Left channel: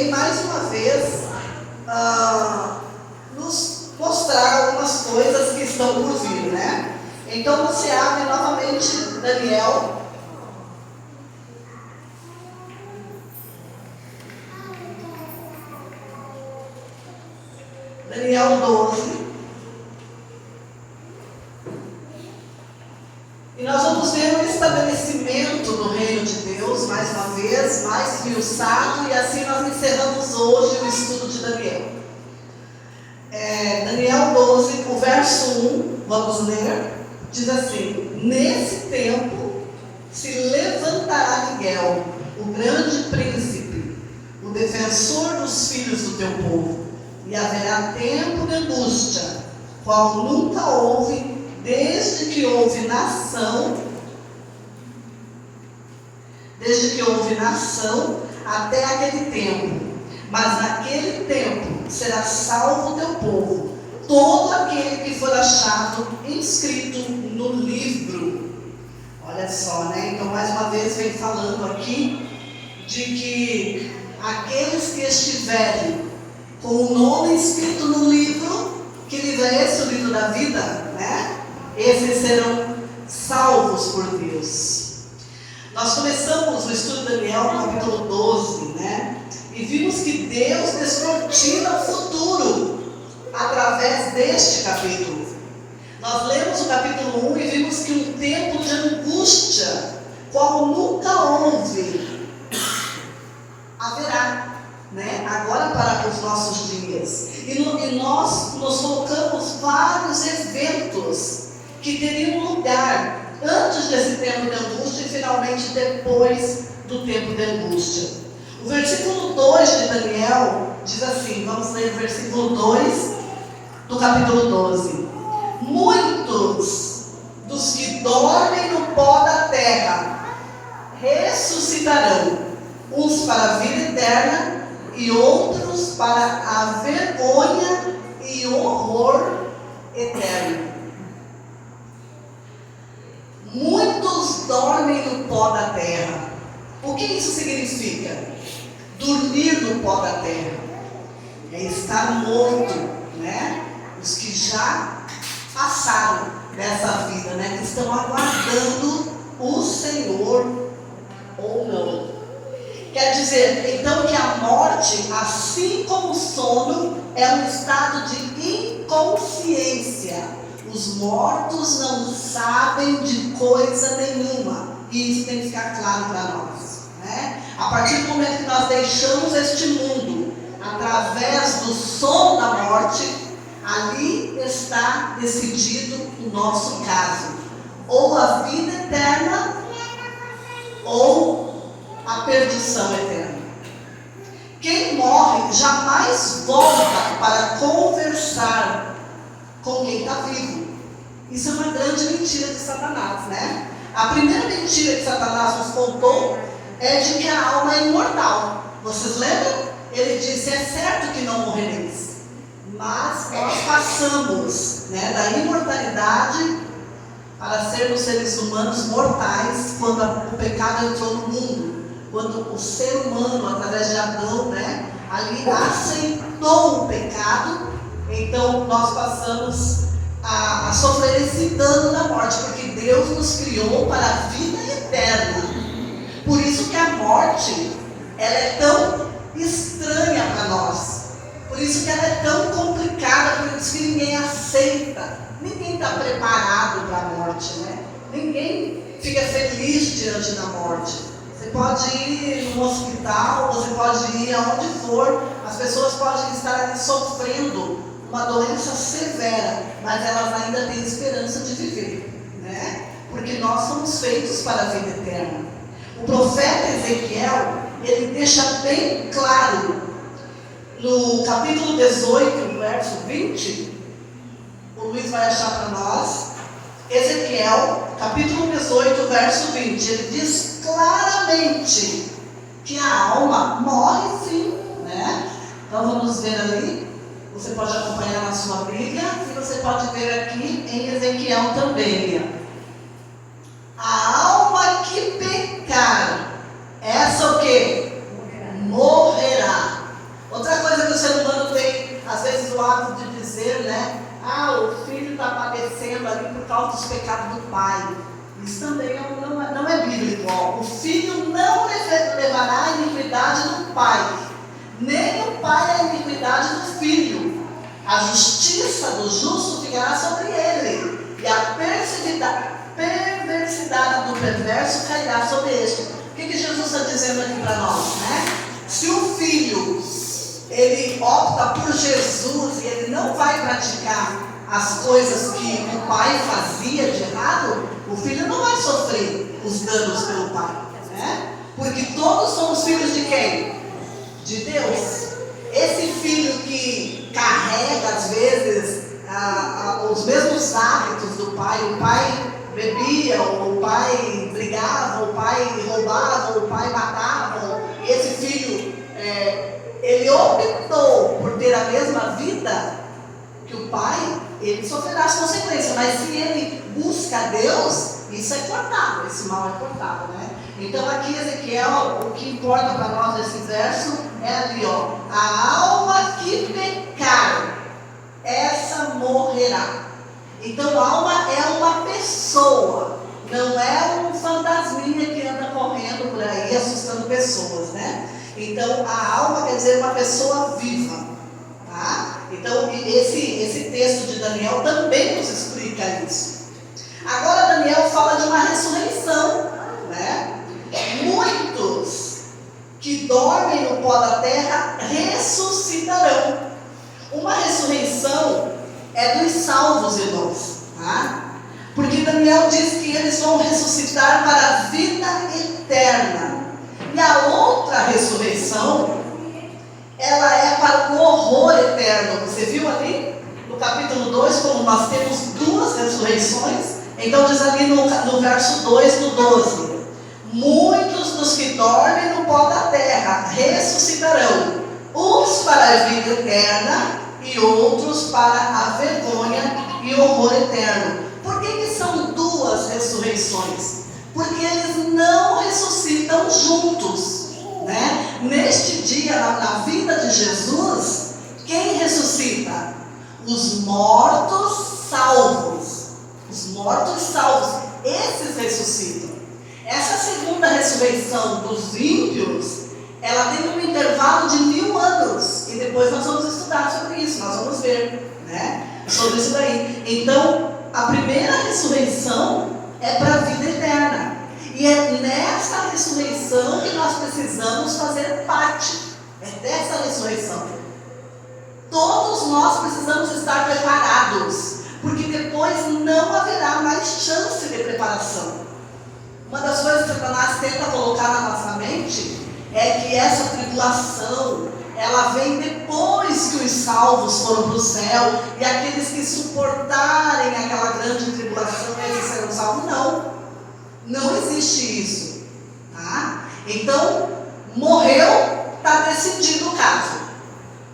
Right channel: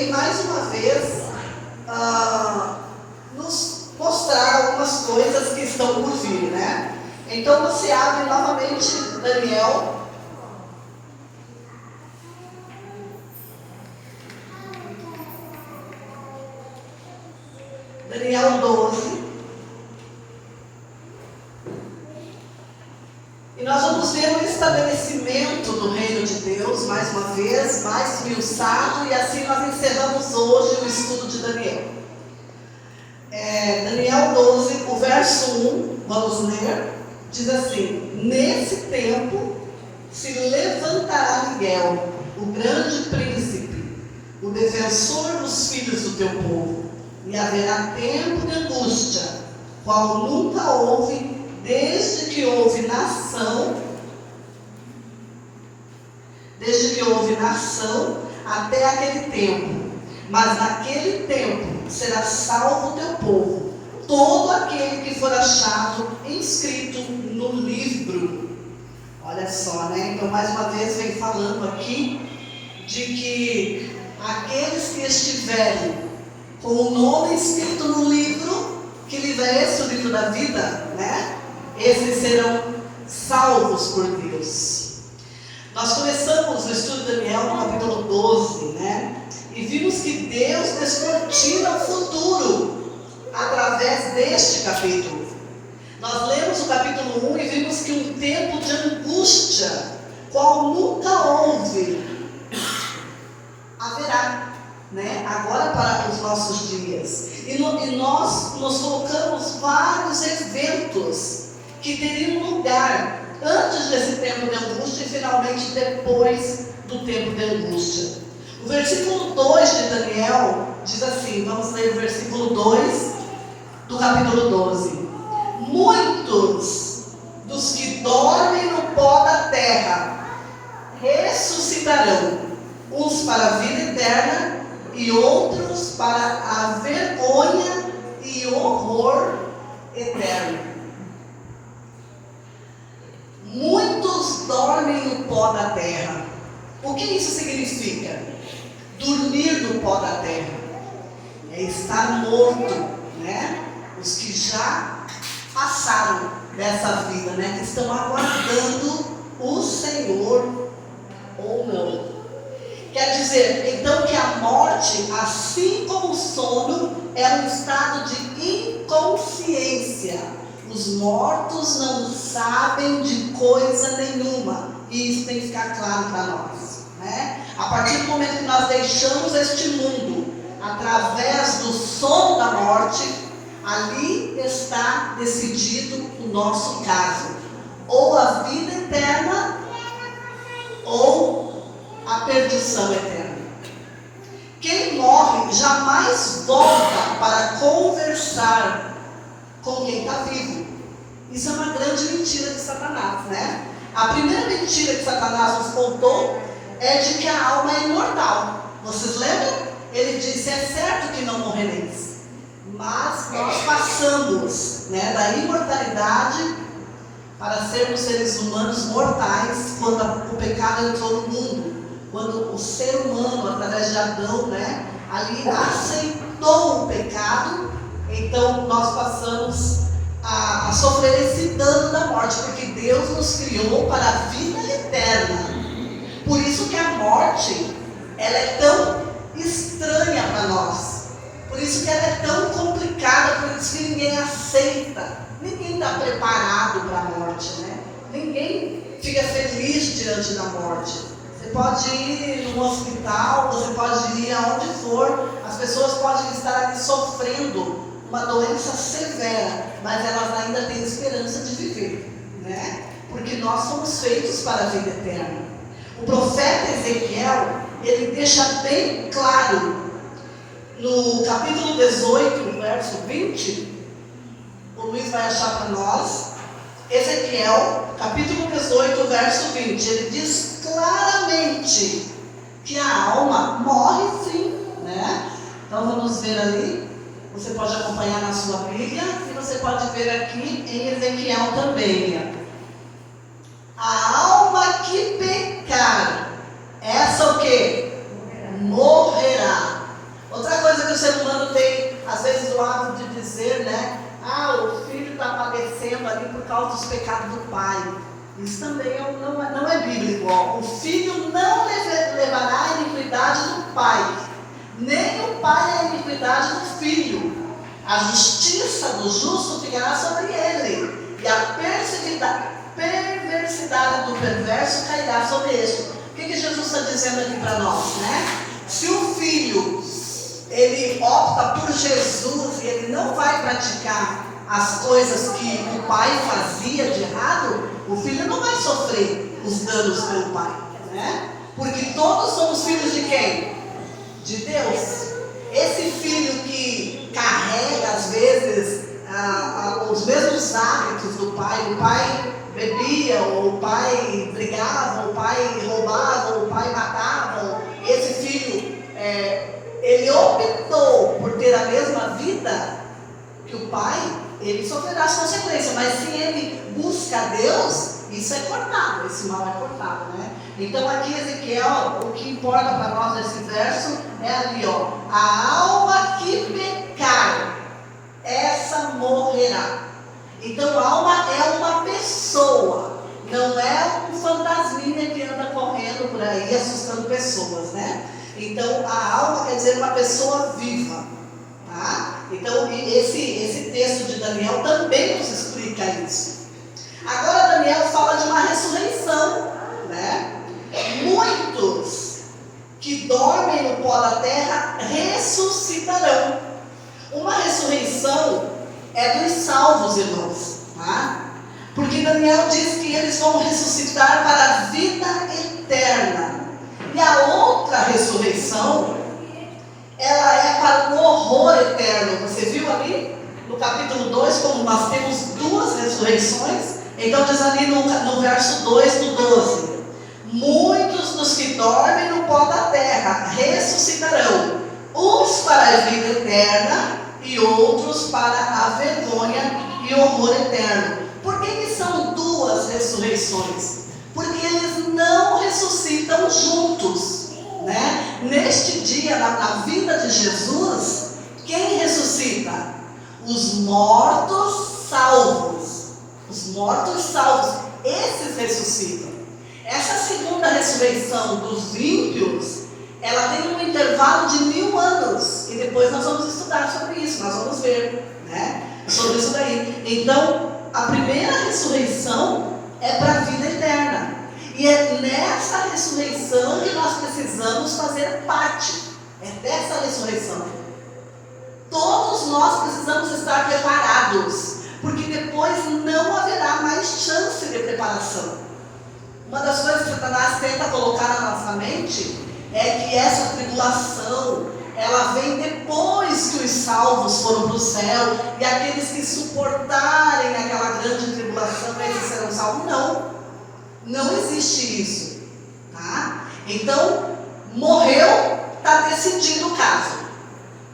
vem mais uma vez nos mostrar algumas coisas que estão por vir, né? Então você abre novamente Daniel. Daniel 12. E nós vamos ver o estabelecimento do reino de Deus, mais uma vez, mais esmiuçado, e assim nós encerramos hoje o estudo de Daniel. Daniel 12, o verso 1, vamos ler, diz assim: nesse tempo se levantará Miguel, o grande príncipe, o defensor dos filhos do teu povo, e haverá tempo de angústia, qual nunca houve, desde que houve nação até aquele tempo. Mas naquele tempo será salvo o teu povo, todo aquele que for achado inscrito no livro. Olha só, né? Então mais uma vez vem falando aqui de que aqueles que estiverem com o nome escrito no livro, que livro é esse, o livro da vida, né? Esses serão salvos por Deus. Nós começamos o estudo de Daniel no capítulo 12, né? E vimos que Deus descortina o futuro através deste capítulo. Nós lemos o capítulo 1 e vimos que um tempo de angústia, qual nunca houve, haverá, né? Agora para os nossos dias. E nós nos colocamos vários eventos que teriam lugar antes desse tempo de angústia e finalmente depois do tempo de angústia. O versículo 2 de Daniel diz assim, vamos ler o versículo 2 do capítulo 12. Muitos dos que dormem no pó da terra ressuscitarão, uns para a vida eterna e outros para a vergonha e horror eterno. Muitos dormem no pó da terra. O que isso significa? Dormir no pó da terra é estar morto, né? Os que já passaram dessa vida, né? Que estão aguardando o Senhor ou não. Quer dizer, então, que a morte, assim como o sono, é um estado de inconsciência. Os mortos não sabem de coisa nenhuma. E isso tem que ficar claro para nós, né? A partir do momento que nós deixamos este mundo, através do sono da morte, ali está decidido o nosso caso. Ou a vida eterna, ou a perdição eterna. Quem morre jamais volta para conversar com quem está vivo. Isso é uma grande mentira de Satanás, né? A primeira mentira que Satanás nos contou é de que a alma é imortal. Vocês lembram? Ele disse, é certo que não morrereis. Mas nós passamos, né, da imortalidade para sermos seres humanos mortais quando o pecado entrou no mundo. Quando o ser humano, através de Adão, né, ali aceitou o pecado. Então nós passamos a sofrer esse dano da morte, porque Deus nos criou para a vida eterna. Por isso que a morte, ela é tão estranha para nós. Por isso que ela é tão complicada, por isso que ninguém aceita. Ninguém está preparado para a morte, né? Ninguém fica feliz diante da morte. Você pode ir no hospital, você pode ir aonde for, as pessoas podem estar ali sofrendo uma doença severa, mas elas ainda têm esperança de viver, né? Porque nós somos feitos para a vida eterna. O profeta Ezequiel, ele deixa bem claro, no capítulo 18, verso 20, o Luiz vai achar para nós, Ezequiel, capítulo 18, verso 20, ele diz claramente que a alma morre sim, né? Então vamos ver ali. Você pode acompanhar na sua Bíblia e você pode ver aqui em Ezequiel também. A alma que pecar, essa o quê? Morrerá. sofrendo ali por causa dos pecados do pai. Isso também não é bíblico. Ó. O filho não levará a iniquidade do pai, nem o pai a iniquidade do filho. A justiça do justo ficará sobre ele, e a perversidade do perverso cairá sobre este. O que Jesus está dizendo aqui para nós, né? Se o filho, ele opta por Jesus e ele não vai praticar as coisas que o pai fazia de errado, o filho não vai sofrer os danos pelo pai, né? Porque todos somos filhos de quem? De Deus. Esse filho que carrega às vezes os mesmos hábitos do pai, o pai bebia, ou o pai brigava, ou o pai roubava, ou o pai matava, esse filho, ele optou por ter a mesma vida que o pai, ele sofrerá as consequências, mas se ele busca Deus, isso é cortado, esse mal é cortado, né? Então aqui Ezequiel, o que importa para nós nesse verso é ali, ó, a alma que pecar, essa morrerá. Então a alma é uma pessoa, não é um fantasminha que anda correndo por aí assustando pessoas, né? Então a alma quer dizer uma pessoa viva, tá? Então esse texto de Daniel também nos explica isso. Agora Daniel fala de uma ressurreição, né? Muitos que dormem no pó da terra ressuscitarão. Uma ressurreição é dos salvos, irmãos, tá? Porque Daniel diz que eles vão ressuscitar para a vida eterna. E a outra ressurreição, ela é para o horror eterno. Você viu ali no capítulo 2, como nós temos duas ressurreições? Então diz ali no verso 2 do 12: muitos dos que dormem no pó da terra ressuscitarão, uns para a vida eterna e outros para a vergonha e horror eterno. Por que são duas ressurreições? Porque eles não ressuscitam juntos, né? Neste dia, na vida de Jesus, quem ressuscita? Os mortos salvos. Os mortos salvos, esses ressuscitam. Essa segunda ressurreição dos ímpios, ela tem um intervalo de 1000 anos. E depois nós vamos estudar sobre isso, nós vamos ver, né? Sobre isso daí. Então, a primeira ressurreição é para a vida eterna. E é nessa ressurreição que nós precisamos fazer parte. É dessa ressurreição. Todos nós precisamos estar preparados, porque depois não haverá mais chance de preparação. Uma das coisas que Satanás tenta colocar na nossa mente é que essa tribulação, ela vem depois que os salvos foram para o céu, e aqueles que suportarem aquela grande tribulação, eles serão salvos. Não existe isso, tá? Então, morreu, está decidido o caso,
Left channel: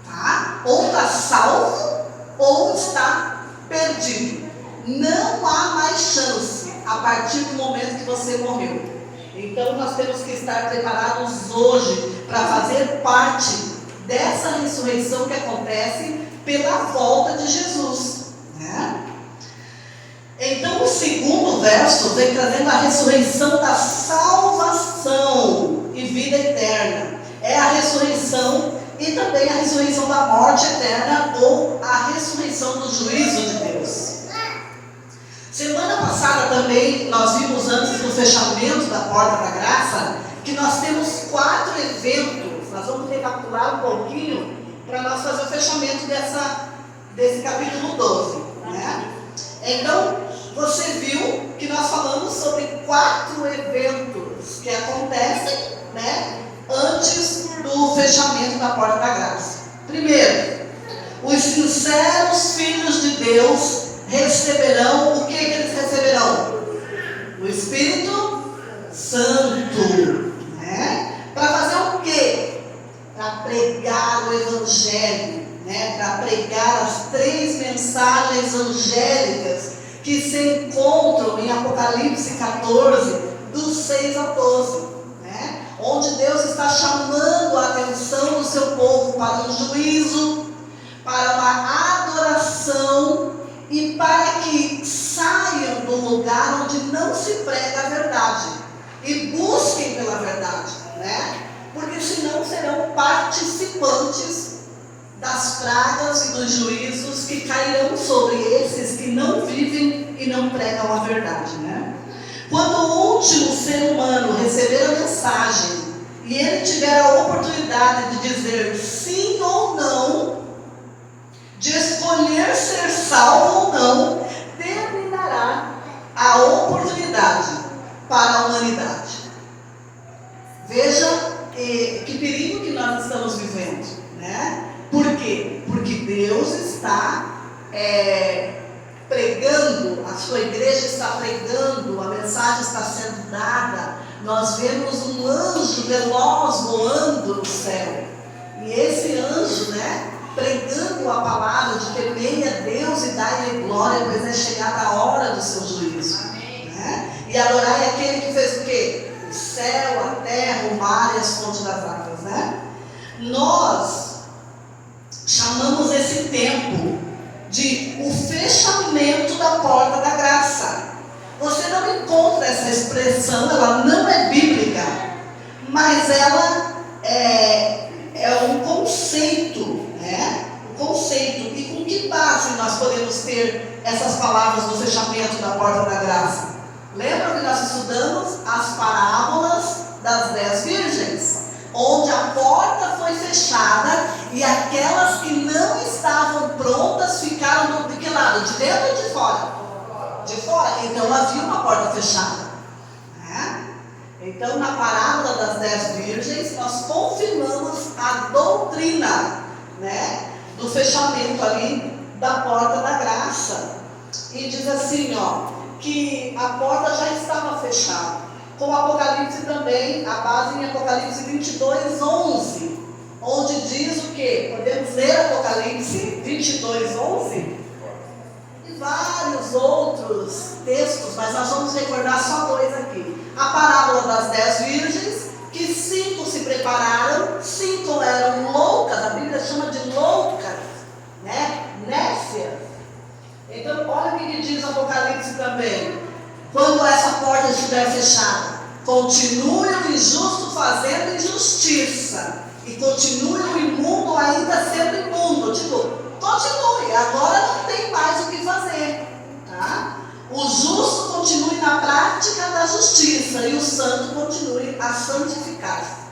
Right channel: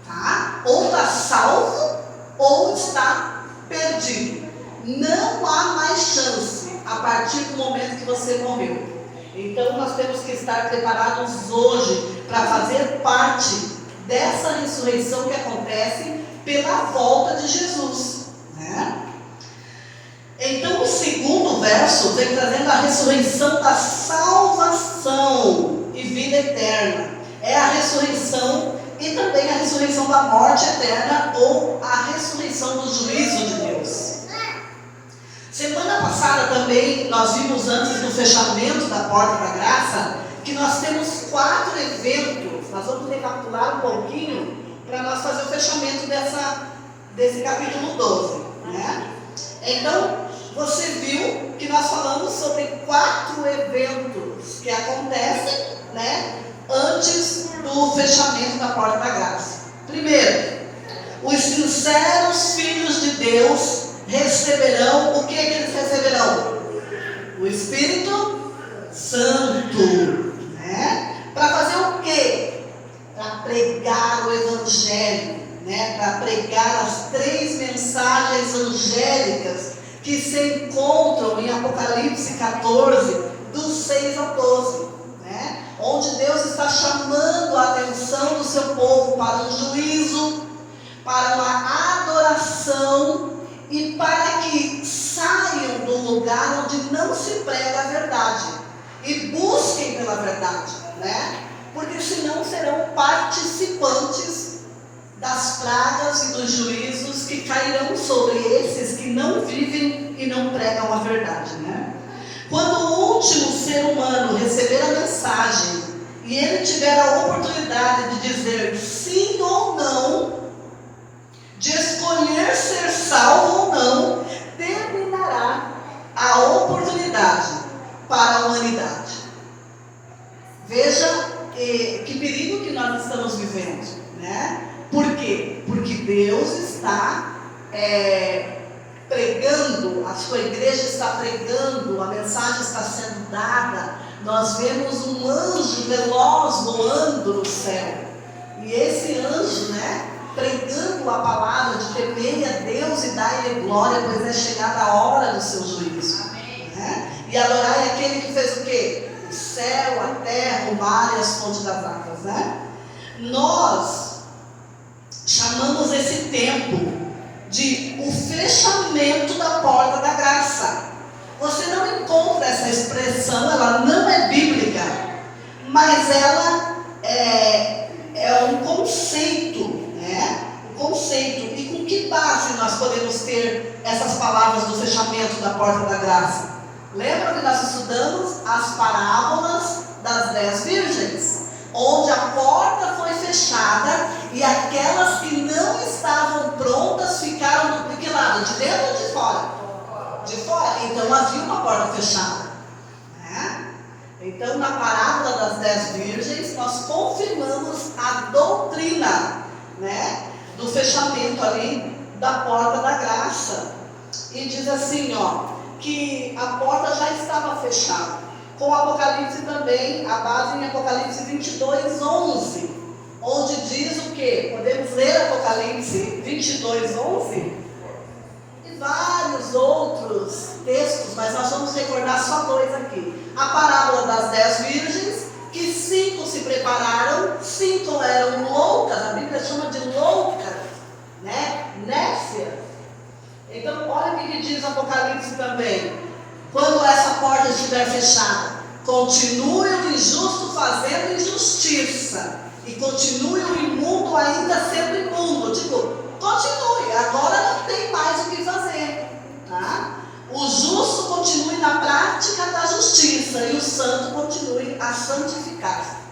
tá? Ou está salvo, ou está perdido. Não há mais chance a partir do momento que você morreu. Então nós temos que estar preparados hoje para fazer parte dessa ressurreição que acontece pela volta de Jesus, né? Então o segundo verso vem trazendo a ressurreição da salvação e vida eterna. É a ressurreição e também a ressurreição da morte eterna, ou a ressurreição do juízo de Deus. Semana passada também nós vimos, antes do fechamento da Porta da Graça, que nós temos 4 eventos. Nós vamos recapitular um pouquinho para nós fazer o fechamento desse capítulo 12, né? Então, você viu que nós falamos sobre 4 eventos que acontecem, né, antes do fechamento da Porta da Graça. Primeiro, os sinceros filhos de Deus receberão, o que eles receberão? O Espírito Santo, né? Para fazer o quê? Para pregar o Evangelho, né? Para pregar as 3 mensagens angélicas que se encontram em Apocalipse 14, dos 6 ao 12, né? Onde Deus está chamando a atenção do seu povo para um juízo, para uma adoração, e para que saiam do lugar onde não se prega a verdade e busquem pela verdade, né? Porque senão serão participantes das pragas e dos juízos que cairão sobre esses que não vivem e não pregam a verdade, né? Quando o último ser humano receber a mensagem e ele tiver a oportunidade de dizer sim ou não, de escolher ser salvo ou não, terminará a oportunidade para a humanidade. Veja que perigo que nós estamos vivendo, né? Por quê? Porque Deus está pregando, a sua igreja está pregando, a mensagem está sendo dada. Nós vemos um anjo veloz voando no céu, e esse anjo, né, pregando a palavra de temei a Deus e dai-lhe glória, pois é chegada a hora do seu juízo. Né? E adorai aquele que fez o quê? O céu, a terra, o mar e as fontes das águas, né? Nós chamamos esse tempo de o fechamento da porta da graça. Você não encontra essa expressão, ela não é bíblica, mas ela é um conceito, né? Um conceito. E com que base nós podemos ter essas palavras do fechamento da porta da graça? Lembra que nós estudamos as parábolas das 10 virgens, onde a porta foi fechada e aquelas que não estavam prontas ficaram de que lado? De dentro ou de fora? De fora. Então havia uma porta fechada, né? Então, na parábola das 10 virgens, nós confirmamos a doutrina, né, do fechamento ali da porta da graça. E diz assim, que a porta já estava fechada. Com Apocalipse também, a base em Apocalipse 22, 11, onde diz o quê? Podemos ler Apocalipse 22, 11? E vários outros textos, mas nós vamos recordar só 2 aqui. A parábola das 10 virgens, que 5 se prepararam, 5 eram loucas, a Bíblia chama de loucas, né? Nécias. Então, olha o que diz Apocalipse também. Quando essa porta estiver fechada, continue o injusto fazendo injustiça, e continue o imundo ainda sendo imundo. Continue, agora não tem mais o que fazer, tá? O justo continue na prática da justiça, e o santo continue a santificar-se.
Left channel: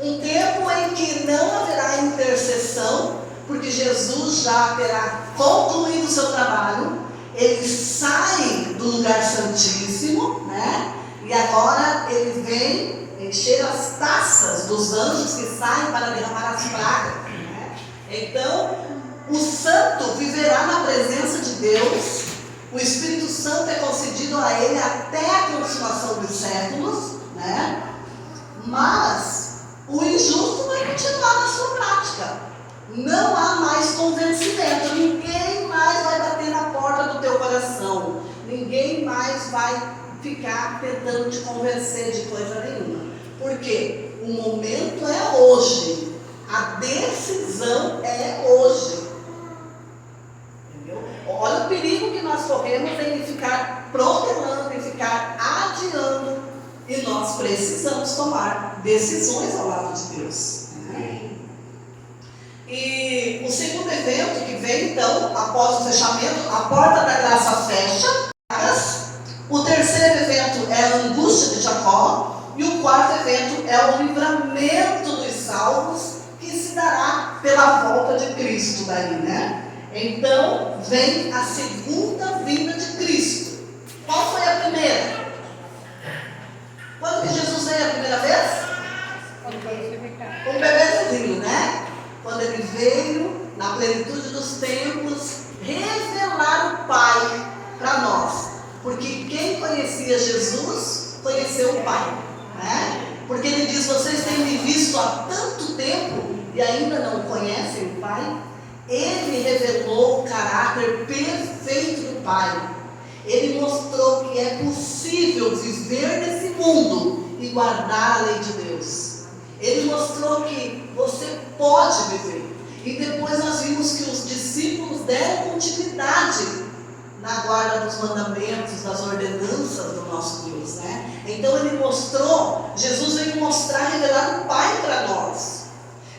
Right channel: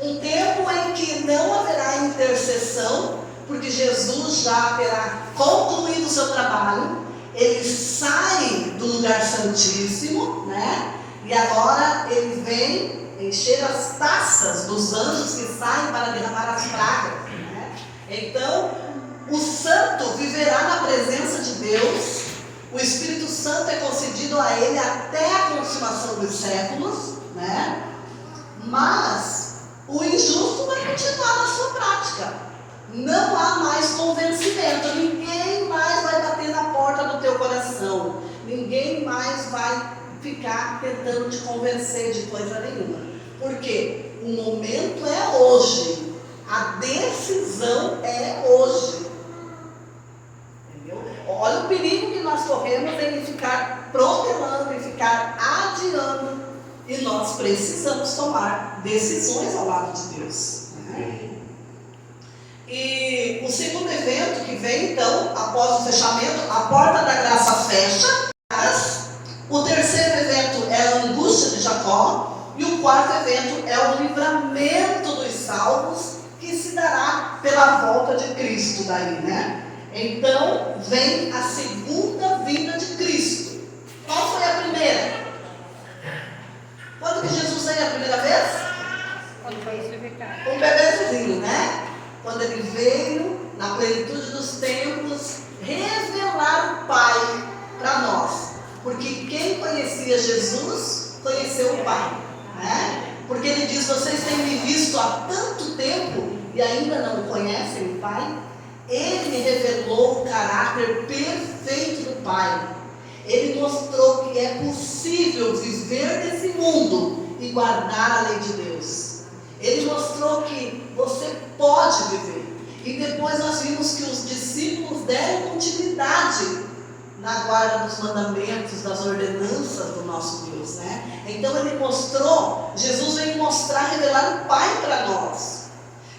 Um tempo em que não haverá intercessão, porque Jesus já terá concluído o seu trabalho. Ele sai do lugar santíssimo, né? E agora ele vem encher as taças dos anjos que saem para derramar as pragas, né? Então, o santo viverá na presença de Deus. O Espírito Santo é concedido a ele até a consumação dos séculos, né? Mas o injusto vai continuar na sua prática. Não há mais convencimento. Ninguém mais vai bater na porta do teu coração. Ninguém mais vai ficar tentando te convencer de coisa nenhuma. Porque o momento é hoje. A decisão é hoje. Entendeu? Olha o perigo que nós corremos em ficar protelando, em ficar adiando. E nós precisamos tomar decisões ao lado de Deus, né? E o segundo evento que vem, então, após o fechamento, a porta da graça fecha. O terceiro evento é a angústia de Jacó. E o quarto evento é o livramento dos salvos, que se dará pela volta de Cristo daí, né? Então, vem a segunda vinda de Cristo. Qual foi a primeira? Quando que Jesus veio a primeira vez? Um bebezinho, né? Quando ele veio, na plenitude dos tempos, revelar o Pai para nós. Porque quem conhecia Jesus, conheceu o Pai, né? Porque ele diz, vocês têm me visto há tanto tempo e ainda não conhecem o Pai. Ele me revelou o caráter perfeito do Pai. Ele mostrou que é possível viver nesse mundo e guardar a lei de Deus. Ele mostrou que você pode viver. E depois nós vimos que os discípulos deram continuidade na guarda dos mandamentos, das ordenanças do nosso Deus, né? Então ele mostrou, Jesus veio mostrar, revelar o Pai para nós.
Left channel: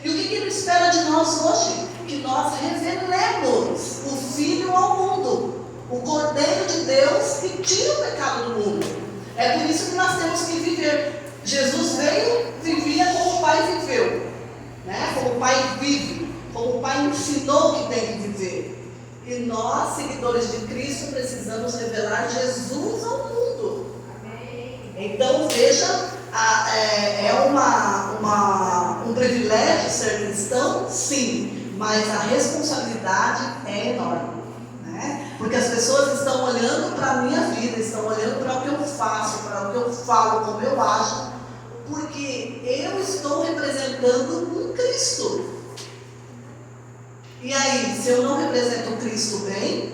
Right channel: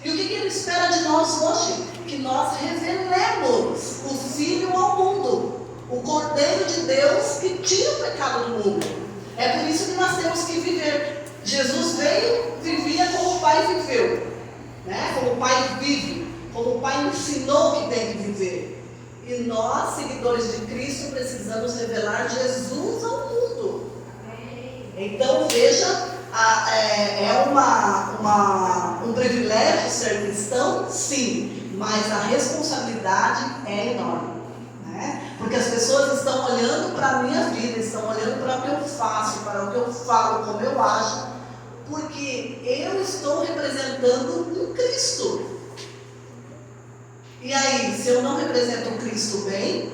E o que ele espera de nós hoje? Que nós revelemos o Filho ao mundo, o Cordeiro de Deus que tira o pecado do mundo. É por isso que nós temos que viver. Jesus veio, vivia como o Pai viveu, né? Como o Pai vive, como o Pai ensinou que tem que viver. E nós, seguidores de Cristo, precisamos revelar Jesus ao mundo. Então veja, é um privilégio ser cristão? Sim, mas a responsabilidade é enorme, né? Porque as pessoas estão olhando para a minha vida, estão olhando para o que eu faço, para o que eu falo, como eu acho, porque eu estou representando um Cristo. E aí, se eu não represento o Cristo bem,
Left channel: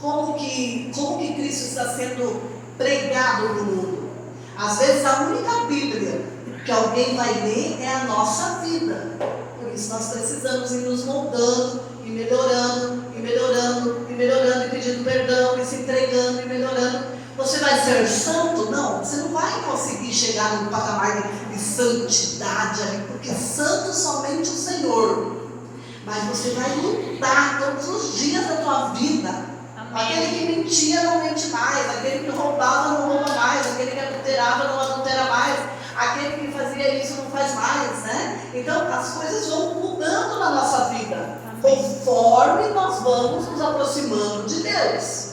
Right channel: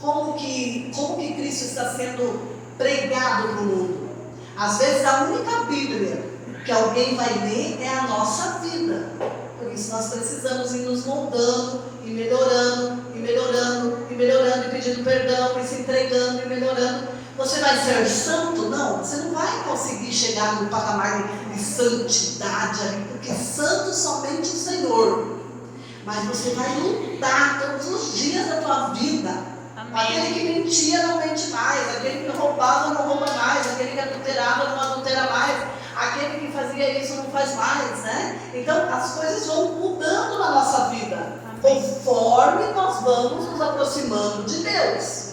como que Cristo está sendo pregado no mundo? Às vezes a única Bíblia que alguém vai ler é a nossa vida. Por isso nós precisamos ir nos moldando, e melhorando, e melhorando, e melhorando, e pedindo perdão, e se entregando, e melhorando. Você vai ser santo? Não, você não vai conseguir chegar no patamar de santidade ali, porque santo somente o Senhor. Mas você vai lutar todos os dias da tua vida. Aquele que mentia não mente mais, aquele que roubava não rouba mais, aquele que adulterava não adultera mais, aquele que fazia isso não faz mais, né? Então as coisas vão mudando na nossa vida, conforme nós vamos nos aproximando de Deus.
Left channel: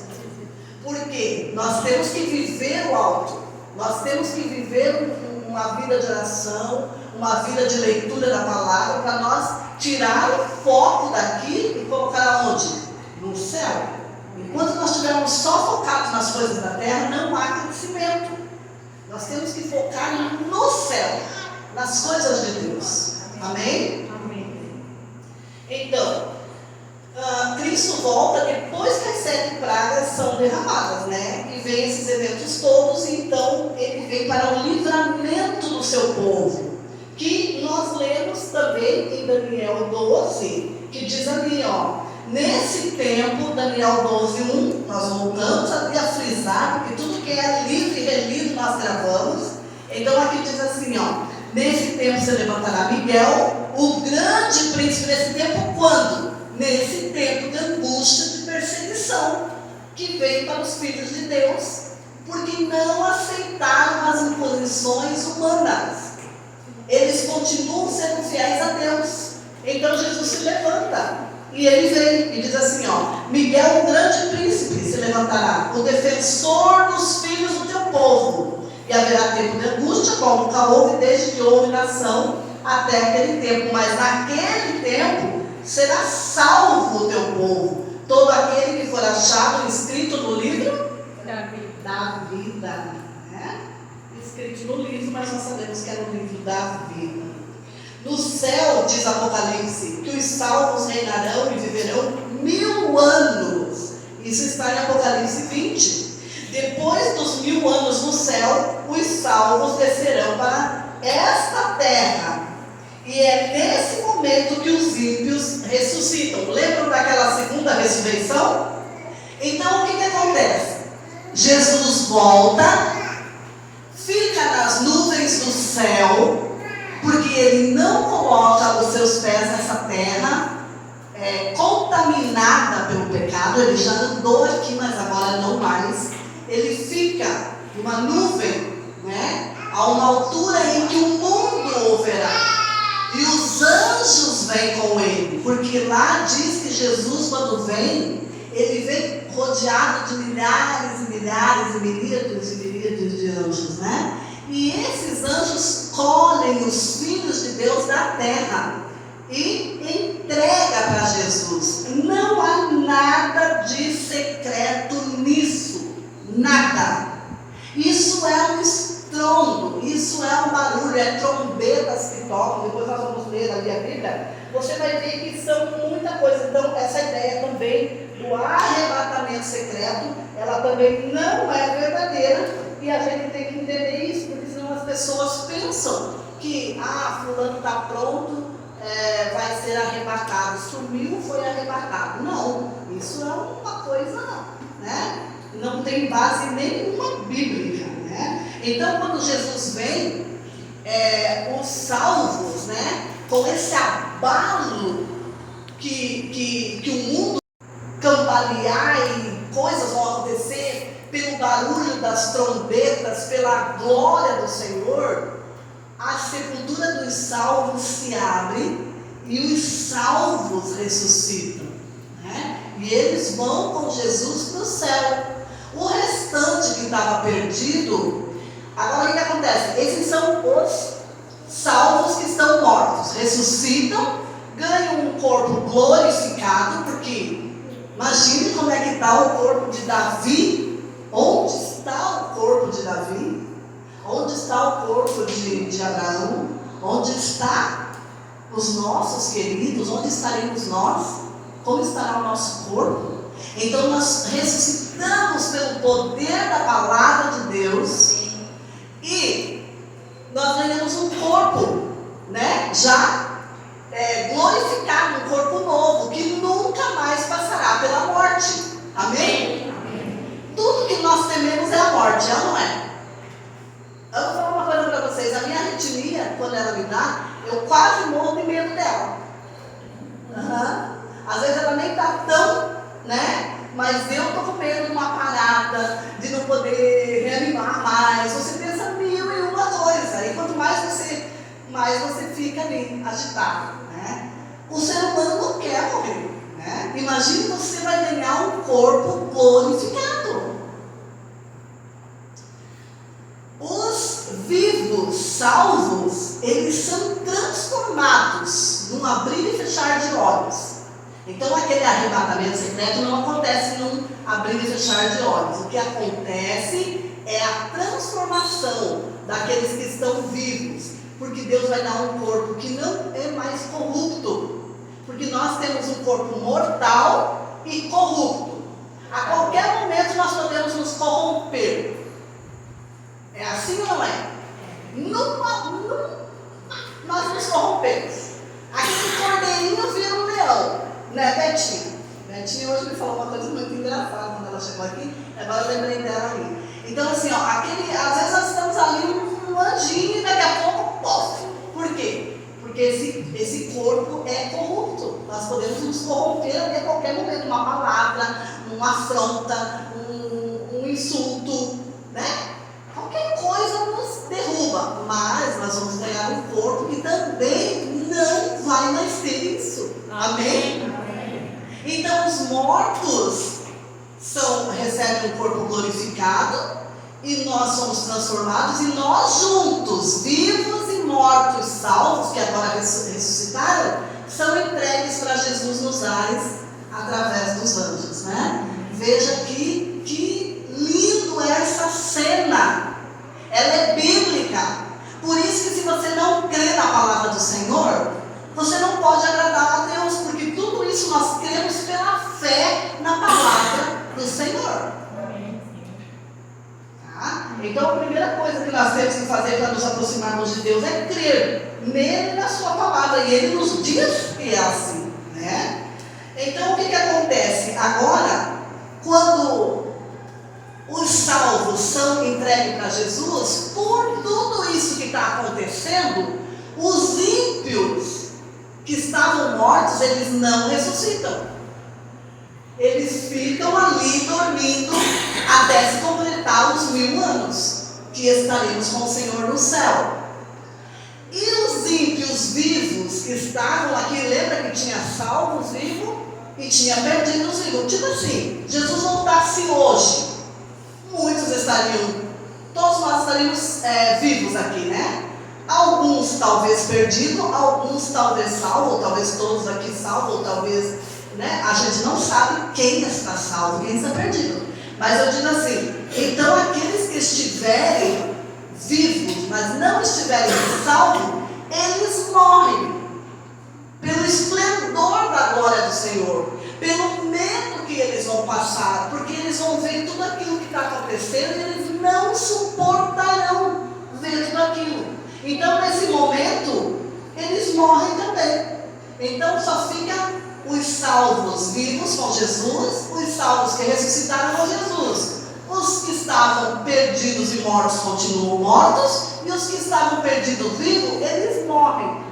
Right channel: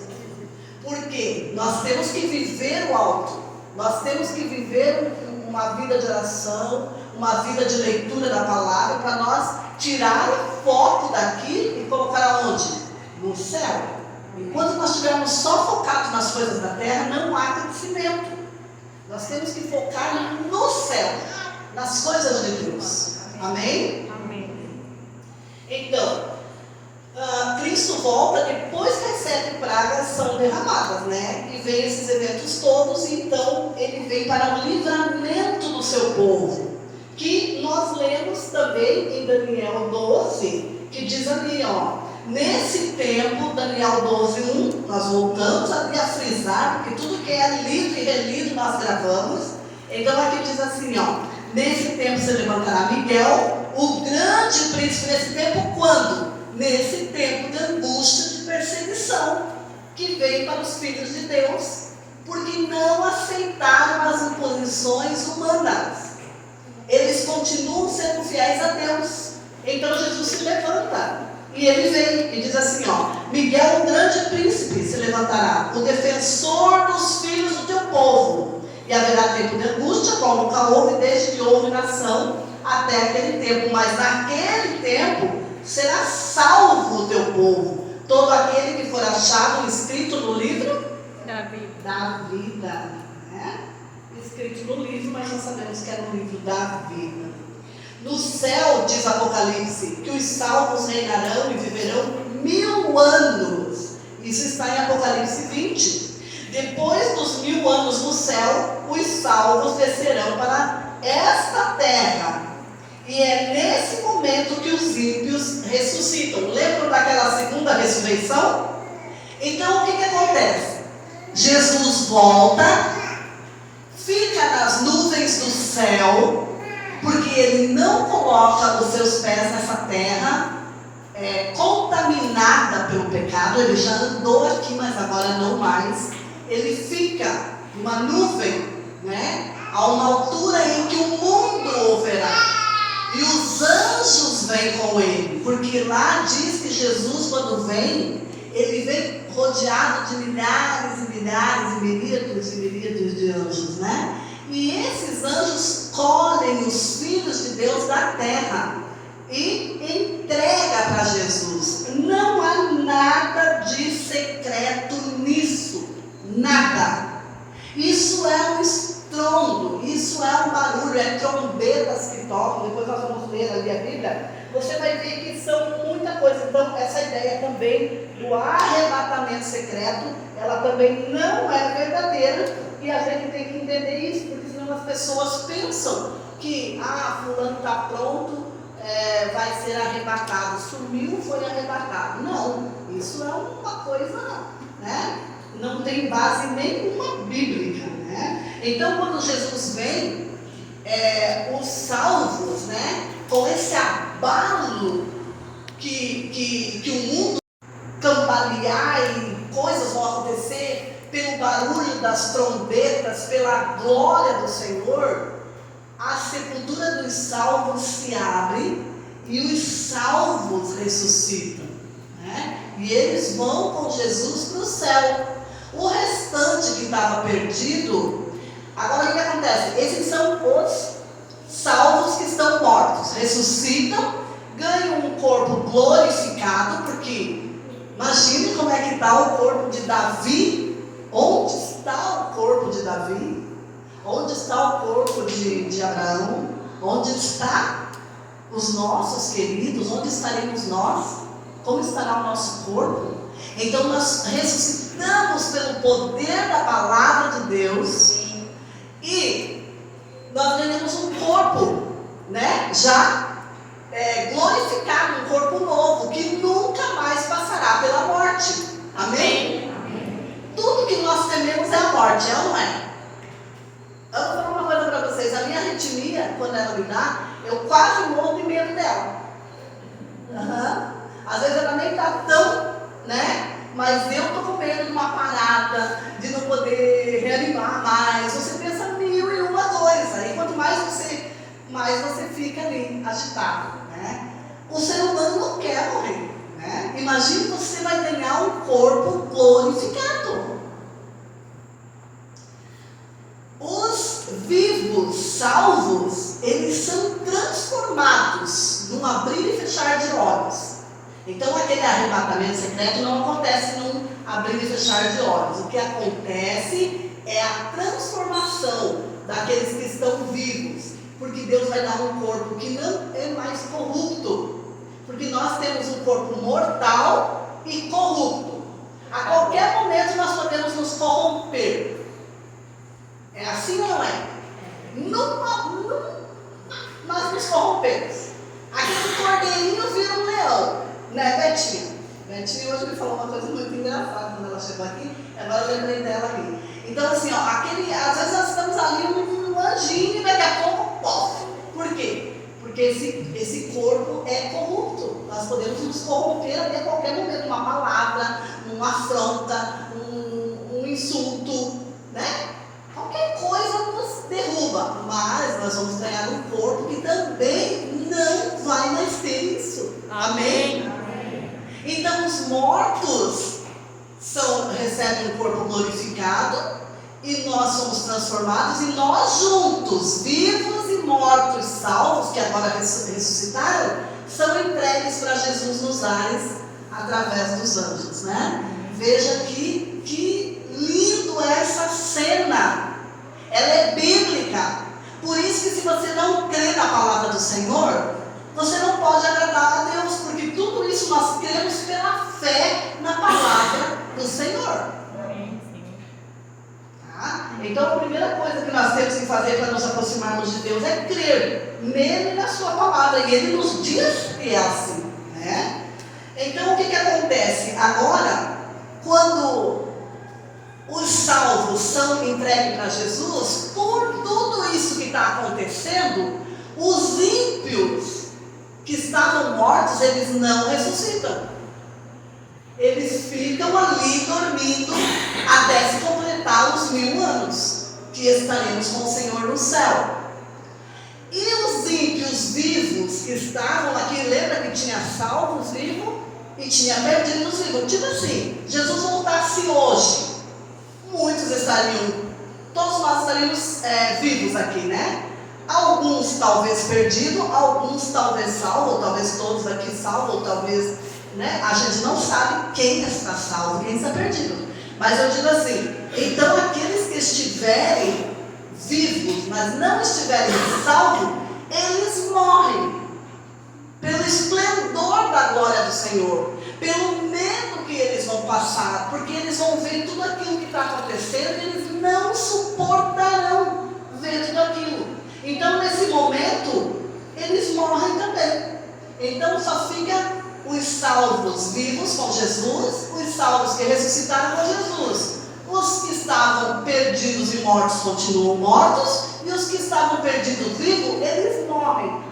Porque nós temos que viver o alto, nós temos que viver uma vida de oração, uma vida de leitura da palavra, para nós tirar o foco daquilo e colocar aonde? No céu. Enquanto nós estivermos só focados nas coisas da terra, não há crescimento. Nós temos que focar no céu, nas coisas de Deus. Amém? Amém. Então, Cristo volta depois que as 7 pragas são derramadas, né? E vem esses eventos todos, e então ele vem para o livramento do seu povo. Que nós lemos também em Daniel 12, que diz ali, ó. Nesse tempo, Daniel 12:1, nós voltamos ali a frisar, porque tudo que é lido e relido nós gravamos. Então aqui diz assim, ó. Nesse tempo se levantará Miguel, o grande príncipe. Nesse tempo quando? Nesse tempo de angústia, de perseguição, que veio para os filhos de Deus, porque não aceitaram as imposições humanas. Eles continuam sendo fiéis a Deus. Então Jesus se levanta. E ele vem e diz assim, ó, Miguel, o grande príncipe, se levantará, o defensor dos filhos do teu povo. E haverá tempo de angústia, como nunca houve desde que houve nação até aquele tempo. Mas naquele tempo será salvo o teu povo, todo aquele que for achado escrito no livro da vida. Né? Escrito no livro, mas nós sabemos que é no livro da vida. No céu, diz Apocalipse, que os salvos reinarão e viverão 1000 anos. Isso está em Apocalipse 20. Depois dos 1000 anos no céu, os salvos descerão para esta terra. E é nesse momento que os ímpios ressuscitam. Lembram daquela segunda ressurreição? Então, o que acontece? Jesus volta, fica nas nuvens do céu, porque ele não coloca os seus pés nessa terra contaminada pelo pecado. Ele já andou aqui, mas agora não mais. Ele fica numa nuvem, né, a uma altura em que o mundo o verá. E os anjos vêm com ele, porque lá diz que Jesus, quando vem, ele vem rodeado de milhares e milhares e miríades de anjos, né? E esses anjos colhem os filhos de Deus da terra e entrega para Jesus. Não há nada de secreto nisso, nada. Isso é um estrondo, isso é um barulho, é trombetas que tocam. Depois nós vamos ler ali a Bíblia. Você vai ver que são muita coisa. Então essa ideia também do arrebatamento secreto, ela também não é verdadeira. E a gente tem que entender isso, porque senão as pessoas pensam que fulano está pronto, vai ser arrebatado. Sumiu, foi arrebatado. Não. Isso é uma coisa, né? Não tem base nenhuma bíblica, né? Então, quando Jesus vem, os salvos, né? Com esse abalo que o mundo cambalear e coisas vão acontecer pelo barulho das trombetas, pela glória do Senhor, a sepultura dos salvos se abre e os salvos ressuscitam, né? E eles vão com Jesus para o céu. O restante que estava perdido, agora o que acontece? Esses são os salvos que estão mortos, ressuscitam, ganham um corpo glorificado, porque imagine como é que está o corpo de Davi. Onde está o corpo de Davi? Onde está o corpo de Abraão? Onde está os nossos queridos? Onde estaremos nós? Como estará o nosso corpo? Então nós ressuscitamos pelo poder da palavra de Deus e nós ganhamos um corpo, né? Já glorificado, um corpo novo, que nunca mais passará pela morte. Amém? Tudo que nós tememos é a morte, ela não é? Eu vou falar uma coisa para vocês. A minha arritmia, quando ela me dá, eu quase morro de medo dela. Às vezes ela nem está tão, né? Mas eu estou com medo de uma parada, de não poder reanimar mais. Você pensa mil e uma coisas. E quanto mais você fica ali agitado, né? O ser humano não quer morrer, né? Imagine você vai ganhar um corpo glorificado. Os vivos, salvos, eles são transformados num abrir e fechar de olhos. Então aquele arrebatamento secreto não acontece num abrir e fechar de olhos. O que acontece é a transformação daqueles que estão vivos, porque Deus vai dar um corpo que não é mais corrupto, porque nós temos um corpo mortal e corrupto. A qualquer momento nós podemos nos corromper. É assim ou não é? Nós nos corrompemos. Aquele cordeirinho vira um leão, né, Betinha? Betinha hoje me falou uma coisa muito engraçada quando ela chegou aqui, agora eu lembrei dela ali. Então assim, ó, às vezes nós estamos ali um anjinho e daqui a pouco, pof! Por quê? Porque esse corpo é corrupto. Nós podemos nos corromper ali a qualquer momento, uma palavra, uma afronta, um insulto, né? Qualquer coisa nos derruba, mas nós vamos ganhar um corpo que também não vai mais ter isso. Amém? Amém. Então os mortos recebem um corpo glorificado e nós somos transformados, e nós juntos, vivos e mortos, salvos, que agora ressuscitaram, são entregues para Jesus nos ares através dos anjos, né? Veja que lindo essa cena. Ela é bíblica. Por isso que se você não crê na palavra do Senhor, você não pode agradar a Deus, porque tudo isso nós cremos pela fé na palavra do Senhor. Tá? Então a primeira coisa que nós temos que fazer para nos aproximarmos de Deus é crer nele e na sua palavra, e ele nos diz que é assim, né? Então o que acontece? Agora, quando os salvos são entregues para Jesus, por tudo isso que está acontecendo, os ímpios que estavam mortos, eles não ressuscitam. Eles ficam ali dormindo até se completar os 1000 anos, que estaremos com o Senhor no céu. E os ímpios vivos que estavam aqui, lembra que tinha salvos vivos e tinha perdidos vivos? Tipo assim, Jesus voltasse hoje, muitos todos nós estaríamos vivos aqui, né? Alguns talvez perdidos, alguns talvez salvos, ou talvez todos aqui salvos, ou talvez, né? A gente não sabe quem está salvo, quem está perdido. Mas eu digo assim, então aqueles que estiverem vivos, mas não estiverem salvos, eles morrem pelo esplendor da glória do Senhor, pelo medo que eles vão passar, porque eles vão ver tudo aquilo que está acontecendo e eles não suportarão ver tudo aquilo. Então nesse momento eles morrem também. Então só fica os salvos vivos com Jesus, os salvos que ressuscitaram com Jesus. Os que estavam perdidos e mortos continuam mortos, e os que estavam perdidos vivos, eles morrem.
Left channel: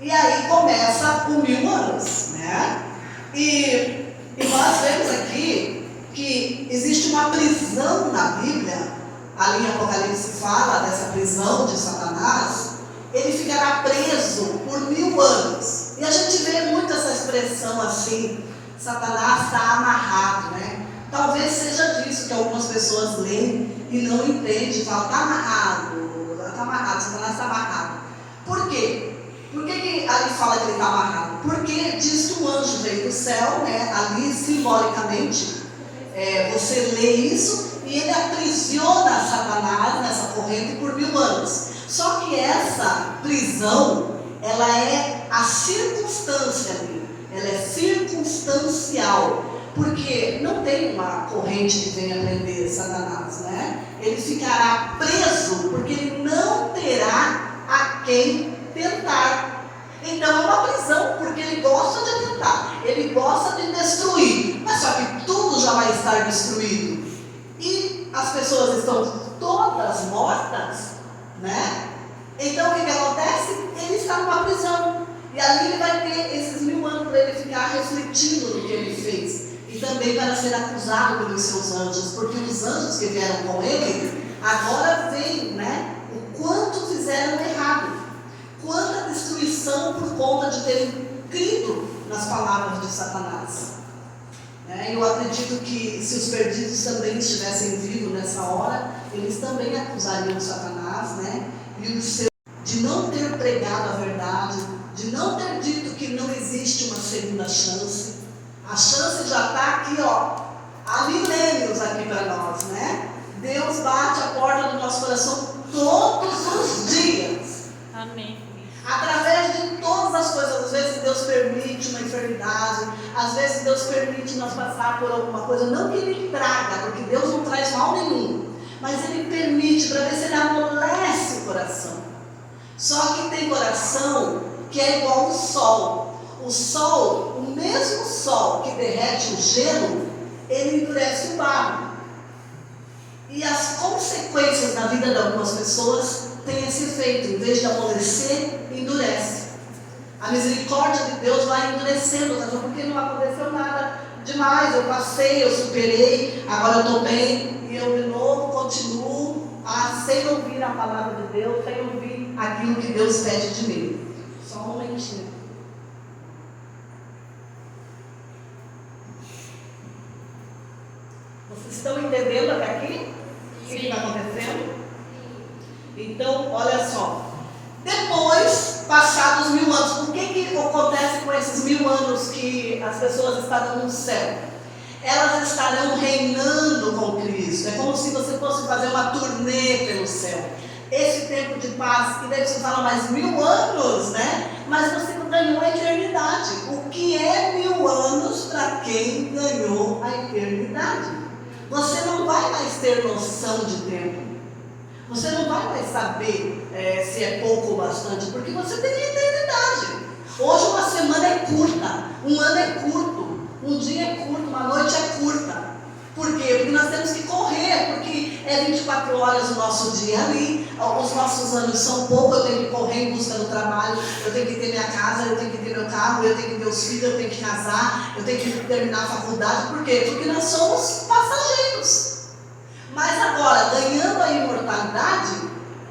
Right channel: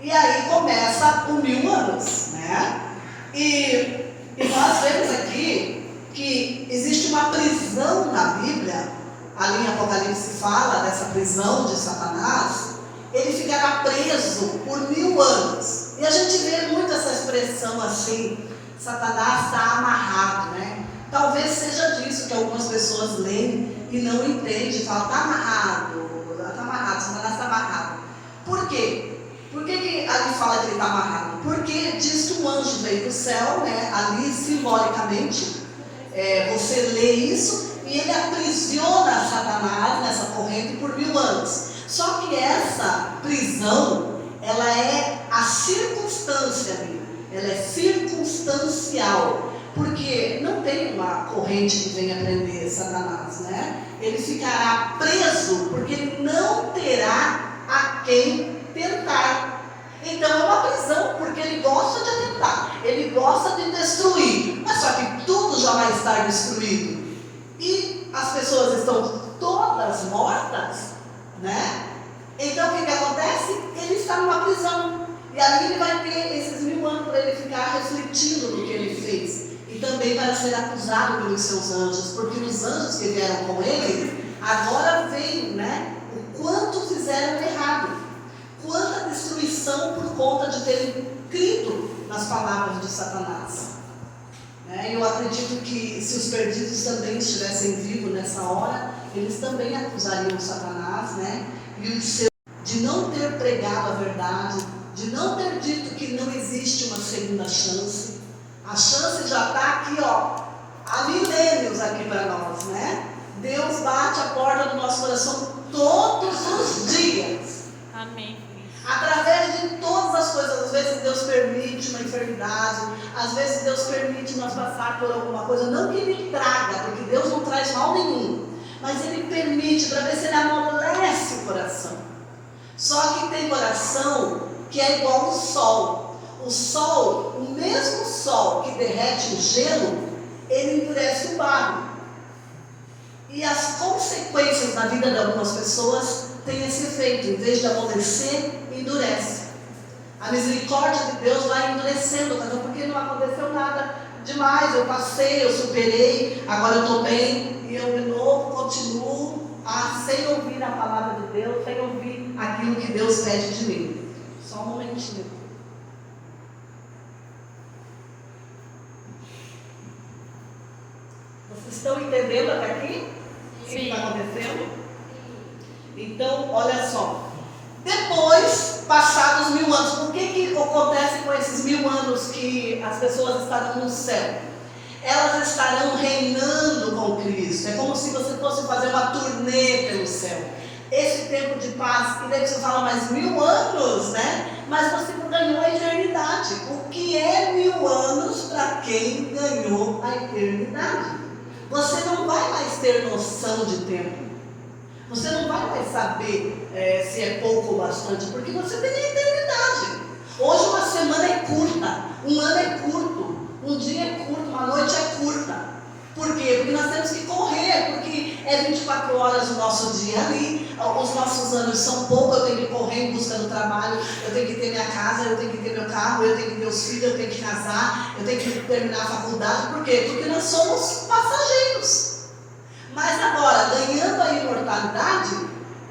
E aí começa o 1000 anos, né? E nós vemos aqui que existe uma prisão na Bíblia. Ali em Apocalipse fala dessa prisão de Satanás. Ele ficará preso por 1000 anos. E a gente vê muito essa expressão assim, Satanás está amarrado, né? Talvez seja disso que algumas pessoas leem e não entendem, falam, está amarrado, Satanás está amarrado. Por quê? Por que ali fala que ele está amarrado? Porque diz que o anjo veio do céu, né? Ali simbolicamente, você lê isso, e ele aprisiona Satanás nessa corrente por 1000 anos. Só que essa prisão, ela é a circunstância dele, ela é circunstancial, porque não tem uma corrente que venha prender Satanás, né? Ele ficará preso porque ele não terá a quem tentar. Então é uma prisão, porque ele gosta de atentar, ele gosta de destruir, mas só que tudo já vai estar destruído. E as pessoas estão todas mortas, né? Então o que acontece? Ele está numa prisão. E ali ele vai ter esses 1000 anos para ele ficar refletindo no que ele fez. E também para ser acusado pelos seus anjos. Porque os anjos que vieram com ele, agora veem, né? O quanto fizeram errado. Quanta destruição por conta de terem crido nas palavras de Satanás. Eu acredito que se os perdidos também estivessem vivos nessa hora, eles também acusariam Satanás, né? E o seu de não ter pregado a verdade, de não ter dito que não existe uma segunda chance. A chance já está aqui, ó, há milênios aqui para nós, né? Deus bate a porta do nosso coração todos os dias. Amém. Através de todas as coisas, às vezes Deus permite uma enfermidade, às vezes Deus permite nós passar por alguma coisa, não que Ele traga, porque Deus não traz mal nenhum, mas Ele permite para ver se Ele amolece o coração. Só que tem coração que é igual ao sol. O sol, o mesmo sol que derrete o gelo, ele endurece o barro. E as consequências na vida de algumas pessoas têm esse efeito. Em vez de amolecer, endurece. A misericórdia de Deus vai endurecendo, mas porque não aconteceu nada demais. Eu passei, eu superei, agora eu estou bem, e eu de novo continuo sem ouvir a palavra de Deus, sem ouvir aquilo que Deus pede de mim. Só um momentinho. Vocês estão entendendo até aqui? O que está acontecendo? Então, olha só. Depois, passados 1000 anos, o que acontece com esses 1000 anos que as pessoas estarão no céu? Elas estarão reinando com Cristo. É como se você fosse fazer uma turnê pelo céu. Esse tempo de paz, e daí você fala mais 1000 anos, né? Mas você ganhou a eternidade. O que é 1000 anos para quem ganhou a eternidade? Você não vai mais ter noção de tempo. Você não vai mais saber se é pouco ou bastante, porque você tem a eternidade. Hoje uma semana é curta, um ano é curto, um dia é curto, uma noite é curta. Por quê? Porque nós temos que correr, porque é 24 horas o nosso dia ali, os nossos anos são poucos, eu tenho que correr em busca do trabalho, eu tenho que ter minha casa, eu tenho que ter meu carro, eu tenho que ter os filhos, eu tenho que casar, eu tenho que terminar a faculdade. Por quê? Porque nós somos passageiros. Mas agora, ganhando a imortalidade,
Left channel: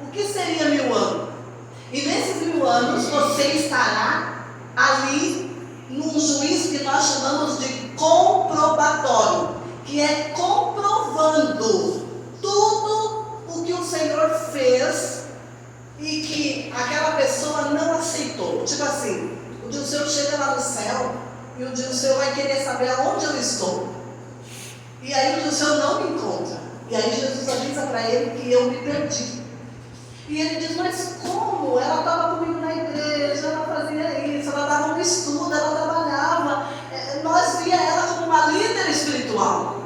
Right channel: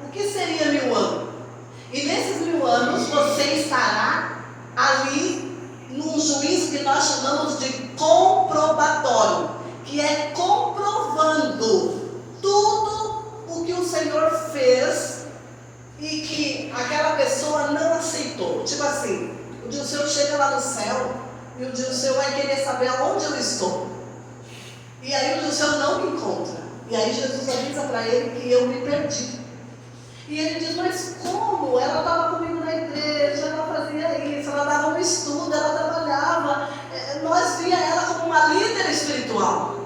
o que seria 1000 anos? E nesses 1000 anos você estará ali num juízo que nós chamamos de comprobatório, que é comprovando tudo o que o Senhor fez e que aquela pessoa não aceitou. Tipo assim, o dia o Senhor chega lá no céu e o dia o Senhor vai querer saber aonde eu estou. E aí o dia o Senhor não me encontra. E aí Jesus avisa para ele que eu me perdi. E ele diz, mas como? Ela estava comigo na igreja, ela fazia isso, ela dava um estudo, ela trabalhava. Nós via ela como uma líder espiritual.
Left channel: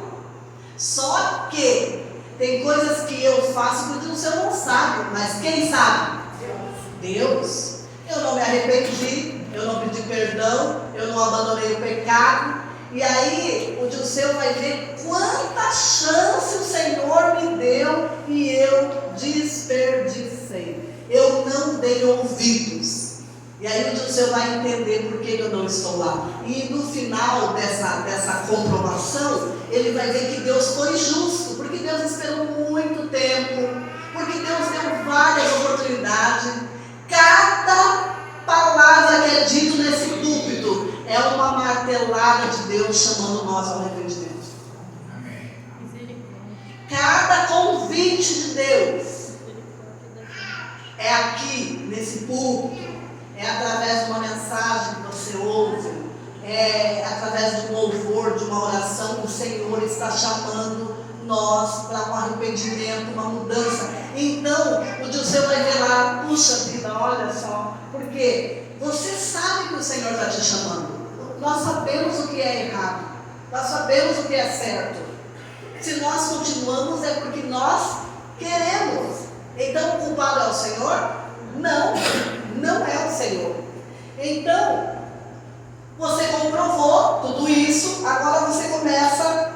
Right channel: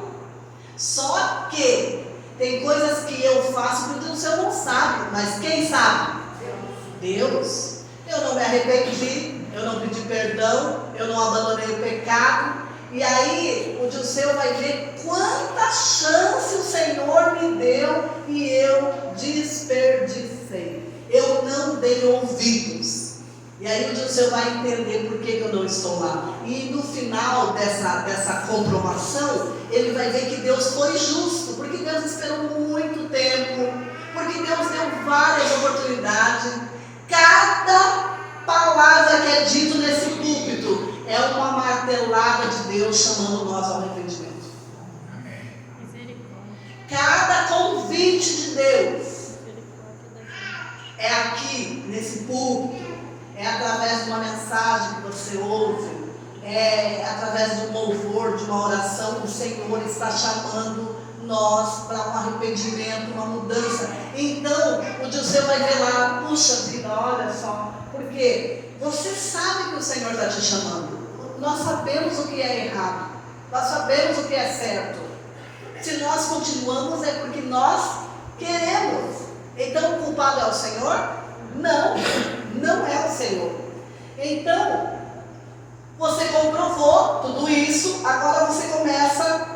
Só que tem coisas que eu faço que o Senhor não sabe, mas quem sabe? Deus. Eu não me arrependi, eu não pedi perdão, eu não abandonei o pecado. E aí o Dilceu vai ver quanta chance o Senhor me deu e eu desperdicei. Eu não dei ouvidos. E aí o Dilceu vai entender por que eu não estou lá. E no final dessa comprovação, ele vai ver que Deus foi justo, porque Deus esperou muito tempo, porque Deus deu várias oportunidades. Cada palavra que é dito nesse púlpito é uma martelada de Deus chamando nós ao arrependimento. Cada convite de Deus é aqui, nesse púlpito, é através de uma mensagem que você ouve, é através de um louvor, de uma oração. O Senhor está chamando nós para um arrependimento, uma mudança. Então, o Dilceu vai ver lá, puxa vida, olha só, porque você sabe que o Senhor está te chamando. Nós sabemos o que é errado, nós sabemos o que é certo. Se nós continuamos é porque nós queremos. Então o culpado é o Senhor? Não, não é o Senhor. Então, você comprovou tudo isso, agora você começa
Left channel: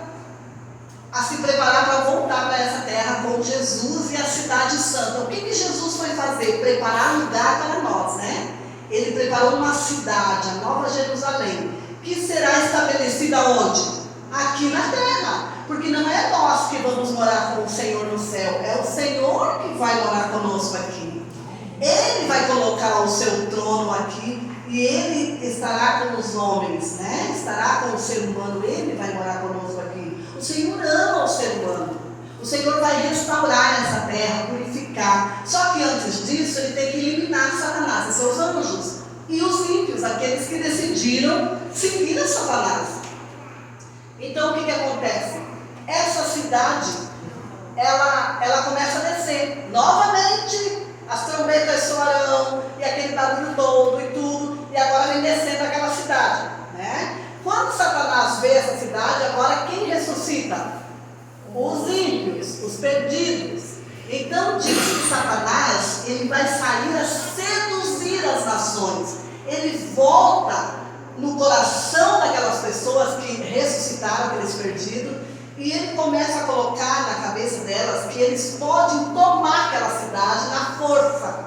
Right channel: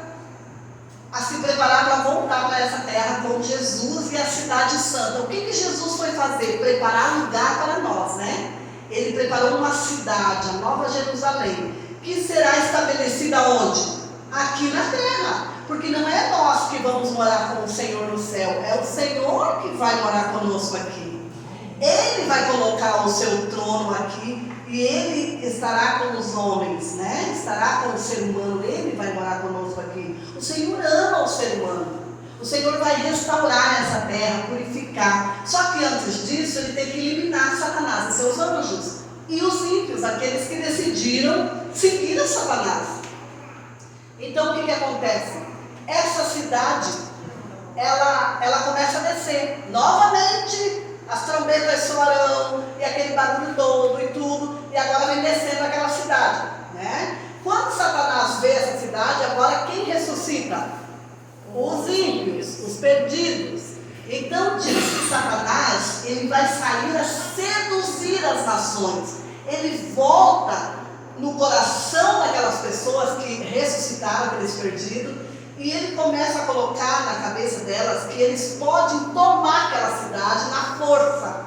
a se preparar para voltar para essa terra com Jesus e a cidade santa. O que Jesus foi fazer? Preparar um lugar para nós, né? Ele preparou uma cidade, a Nova Jerusalém, que será estabelecida onde? Aqui na terra. Porque não é nós que vamos morar com o Senhor no céu, é o Senhor que vai morar conosco aqui. Ele vai colocar o seu trono aqui e Ele estará com os homens, né? Estará com o ser humano, Ele vai morar conosco aqui. O Senhor ama o ser humano. O Senhor vai restaurar essa terra, purificar. Só que antes disso, Ele tem que eliminar Satanás e seus anjos. E os ímpios, aqueles que decidiram seguir a Satanás. Então o que acontece? Essa cidade, ela começa a descer. Novamente, as trombetas soarão, e aquele barulho todo e tudo, e agora vem descendo aquela cidade, né? Quando Satanás vê essa cidade, agora quem ressuscita? Os ímpios, os perdidos. Então diz que Satanás, ele vai sair a seduzir as nações. Ele volta no coração daquelas pessoas que ressuscitaram, aqueles perdidos, e ele começa a colocar na cabeça delas que eles podem tomar aquela cidade na força.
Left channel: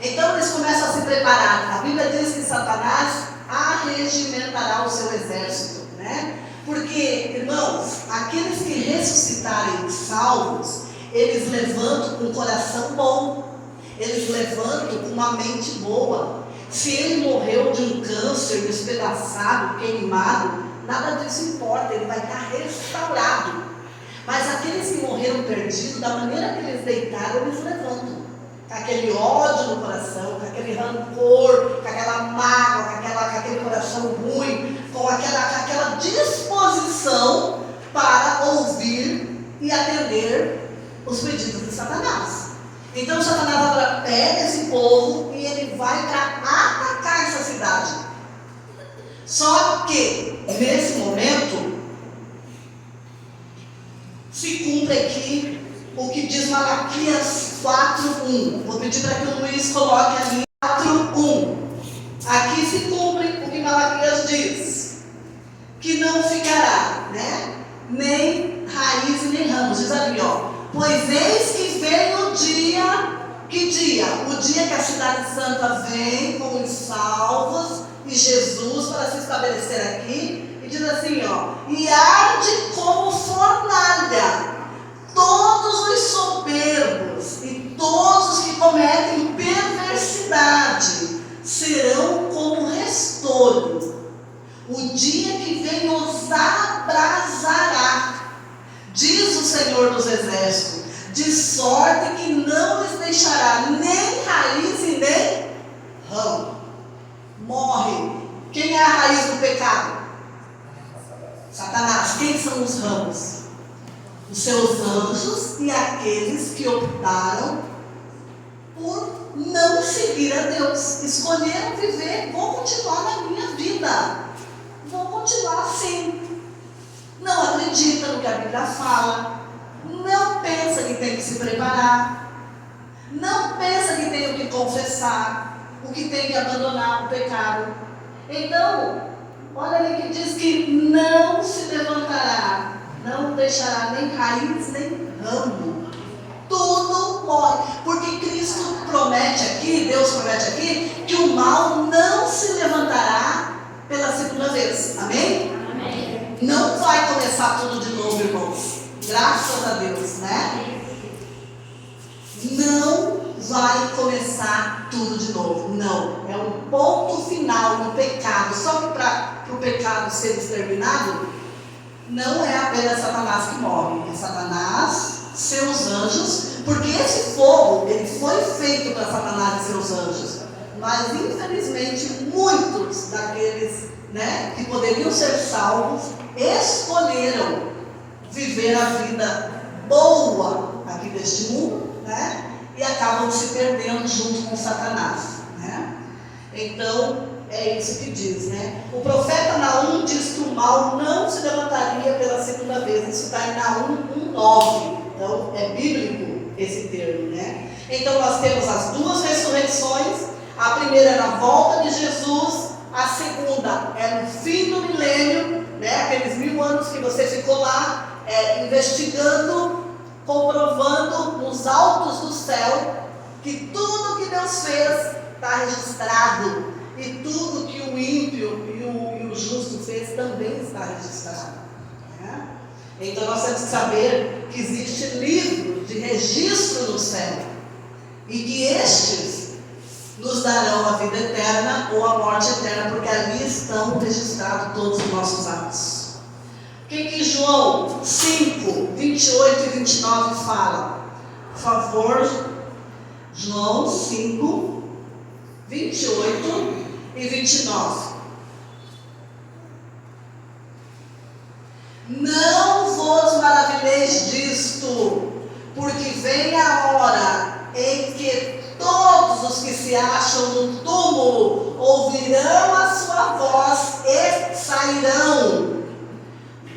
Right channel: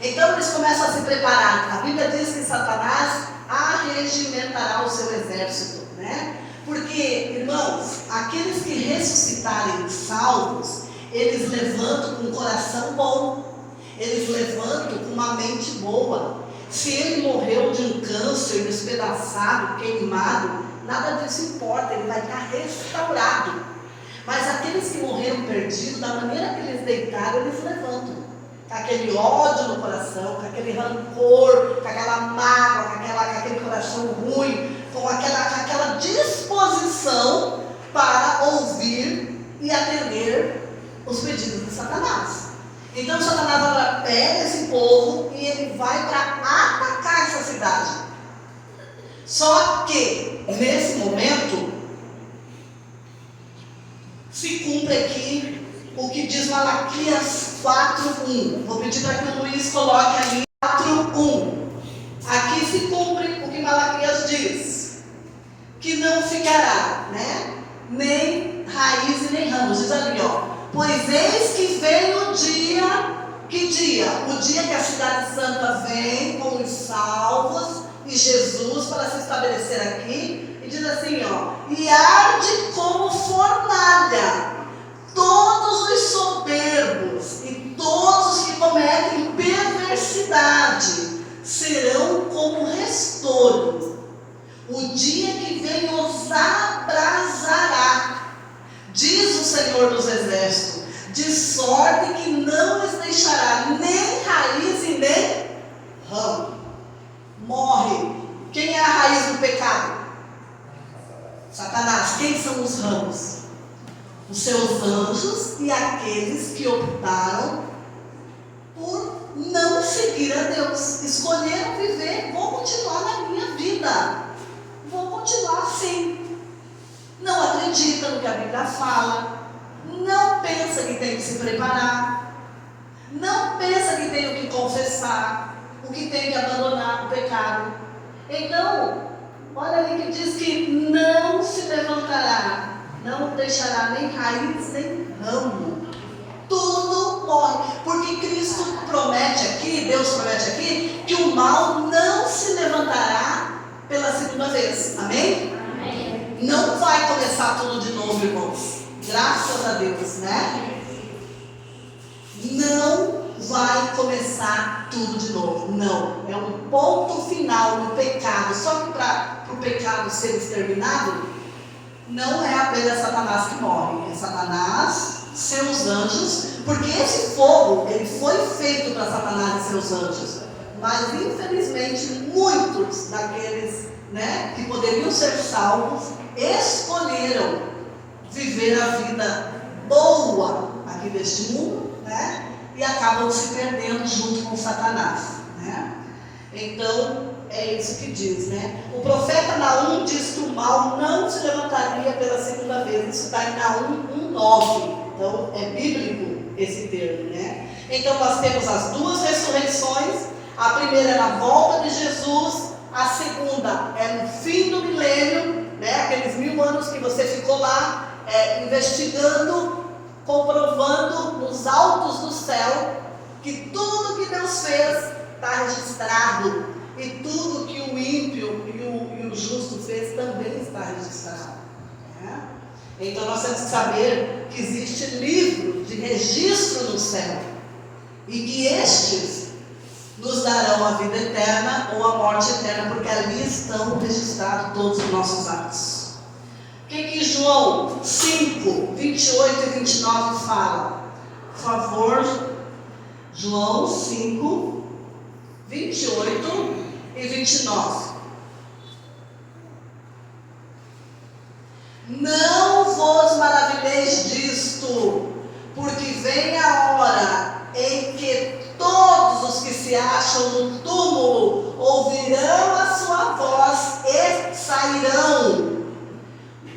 Então eles começam a se preparar. A Bíblia diz que Satanás arregimentará o seu exército, né? Porque, irmãos, aqueles que ressuscitarem salvos, eles levantam com um coração bom, eles levantam com uma mente boa. Se ele morreu de um câncer, despedaçado, queimado, nada disso importa, ele vai estar restaurado. Mas aqueles que morreram perdidos, da maneira que eles deitaram, eles levantam. Com aquele ódio no coração, com aquele rancor, com aquela mágoa, com aquele coração ruim, com aquela disposição para ouvir e atender os pedidos de Satanás. Então Satanás agora pega esse povo e ele vai para atacar essa cidade. Só que, nesse momento, se cumpre aqui o que diz Malaquias 4:1. Vou pedir para que o Luiz coloque ali 4:1. Aqui se cumpre o que Malaquias diz, que não ficará, né? Nem raiz e nem ramos. Diz ali, ó. Pois eis que vem o dia. Que dia? O dia que a cidade santa vem com os salvos e Jesus para se estabelecer aqui. E diz assim, ó. E arde como fornalha todos os soberbos e todos os que cometem perversidade serão como restolho. O dia que vem os abrasará, diz o Senhor dos Exércitos, de sorte que não lhes deixará nem raiz e nem ramo. Morre. Quem é a raiz do pecado? Satanás. Quem são os ramos? Os seus anjos e aqueles que optaram por não seguir a Deus. Escolheram viver, vou continuar na minha vida. Vou continuar assim. Não acredita no que a Bíblia fala. Não pensa que tem que se preparar. Não pensa que tem que confessar. O que tem que abandonar o pecado. Então, olha ali que diz que não se levantará, não deixará nem raiz nem ramo. Tudo morre. Porque Cristo promete aqui, Deus promete aqui, que o mal não se levantará pela segunda vez. Amém? Amém. Não vai começar tudo de novo, irmãos. Graças a Deus, né? Não vai começar tudo de novo. Não. É um ponto final no pecado. Só que para o pecado ser exterminado, não é apenas Satanás que morre. É Satanás, seus anjos. Porque esse fogo, ele foi feito para Satanás e seus anjos. Mas infelizmente muitos daqueles, né, que poderiam ser salvos escolheram viver a vida boa aqui deste mundo, né? E acabam se perdendo junto com Satanás, né? Então, é isso que diz, né? O profeta Naum diz que o mal não se levantaria pela segunda vez. Isso está em Naum 1:9. Então, é bíblico esse termo, né? Então, nós temos as duas ressurreições. A primeira é na volta de Jesus. A segunda é no fim do milênio, né? Aqueles 1000 anos que você ficou lá investigando, comprovando nos altos do céu que tudo que Deus fez está registrado, e tudo que o ímpio e o justo fez também está registrado, né? Então nós temos que saber que existe livro de registro no céu, e que estes nos darão a vida eterna ou a morte eterna, porque ali estão registrados todos os nossos atos. O que João 5, 28 e 29 fala? Por favor, João 5, 28 e 29. Não vos maravilheis disto, porque vem a hora em que todos os que se acham no túmulo ouvirão a sua voz e sairão.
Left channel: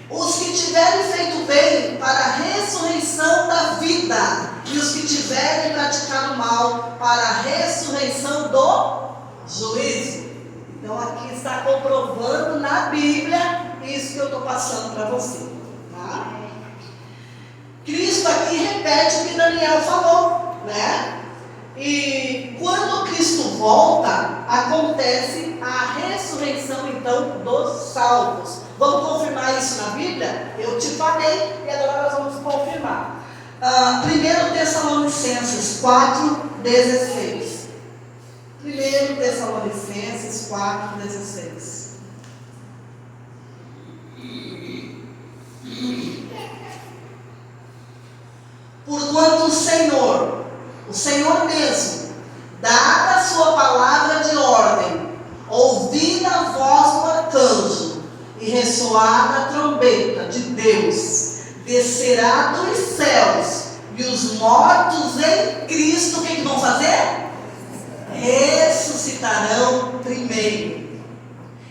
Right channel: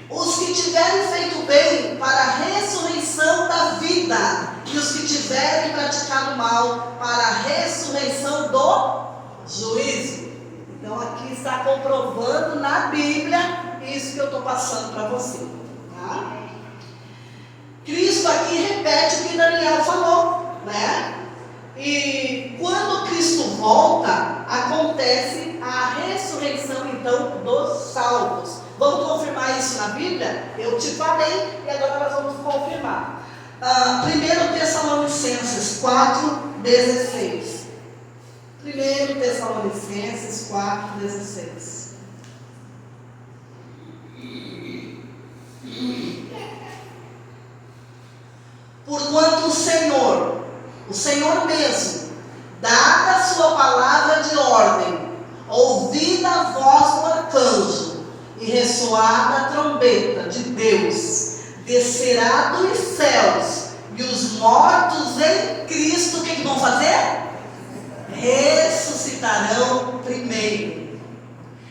Os que tiverem feito bem para a ressurreição da vida, e os que tiverem praticado mal para a ressurreição do juízo. Então aqui está comprovando na Bíblia isso que eu estou passando para você, tá? Cristo aqui repete o que Daniel falou, né? E quando Cristo volta, acontece a ressurreição então dos salvos. Vamos confirmar isso na Bíblia? Eu te falei e agora nós vamos confirmar. 1 Tessalonicenses 4:16. 1 Tessalonicenses 4:16. Porquanto o Senhor mesmo, dada a sua palavra de ordem, ouvida a voz do arcanjo e ressoada a trombeta de Deus, descerá dos céus, e os mortos em Cristo, o que vão fazer? Ressuscitarão primeiro.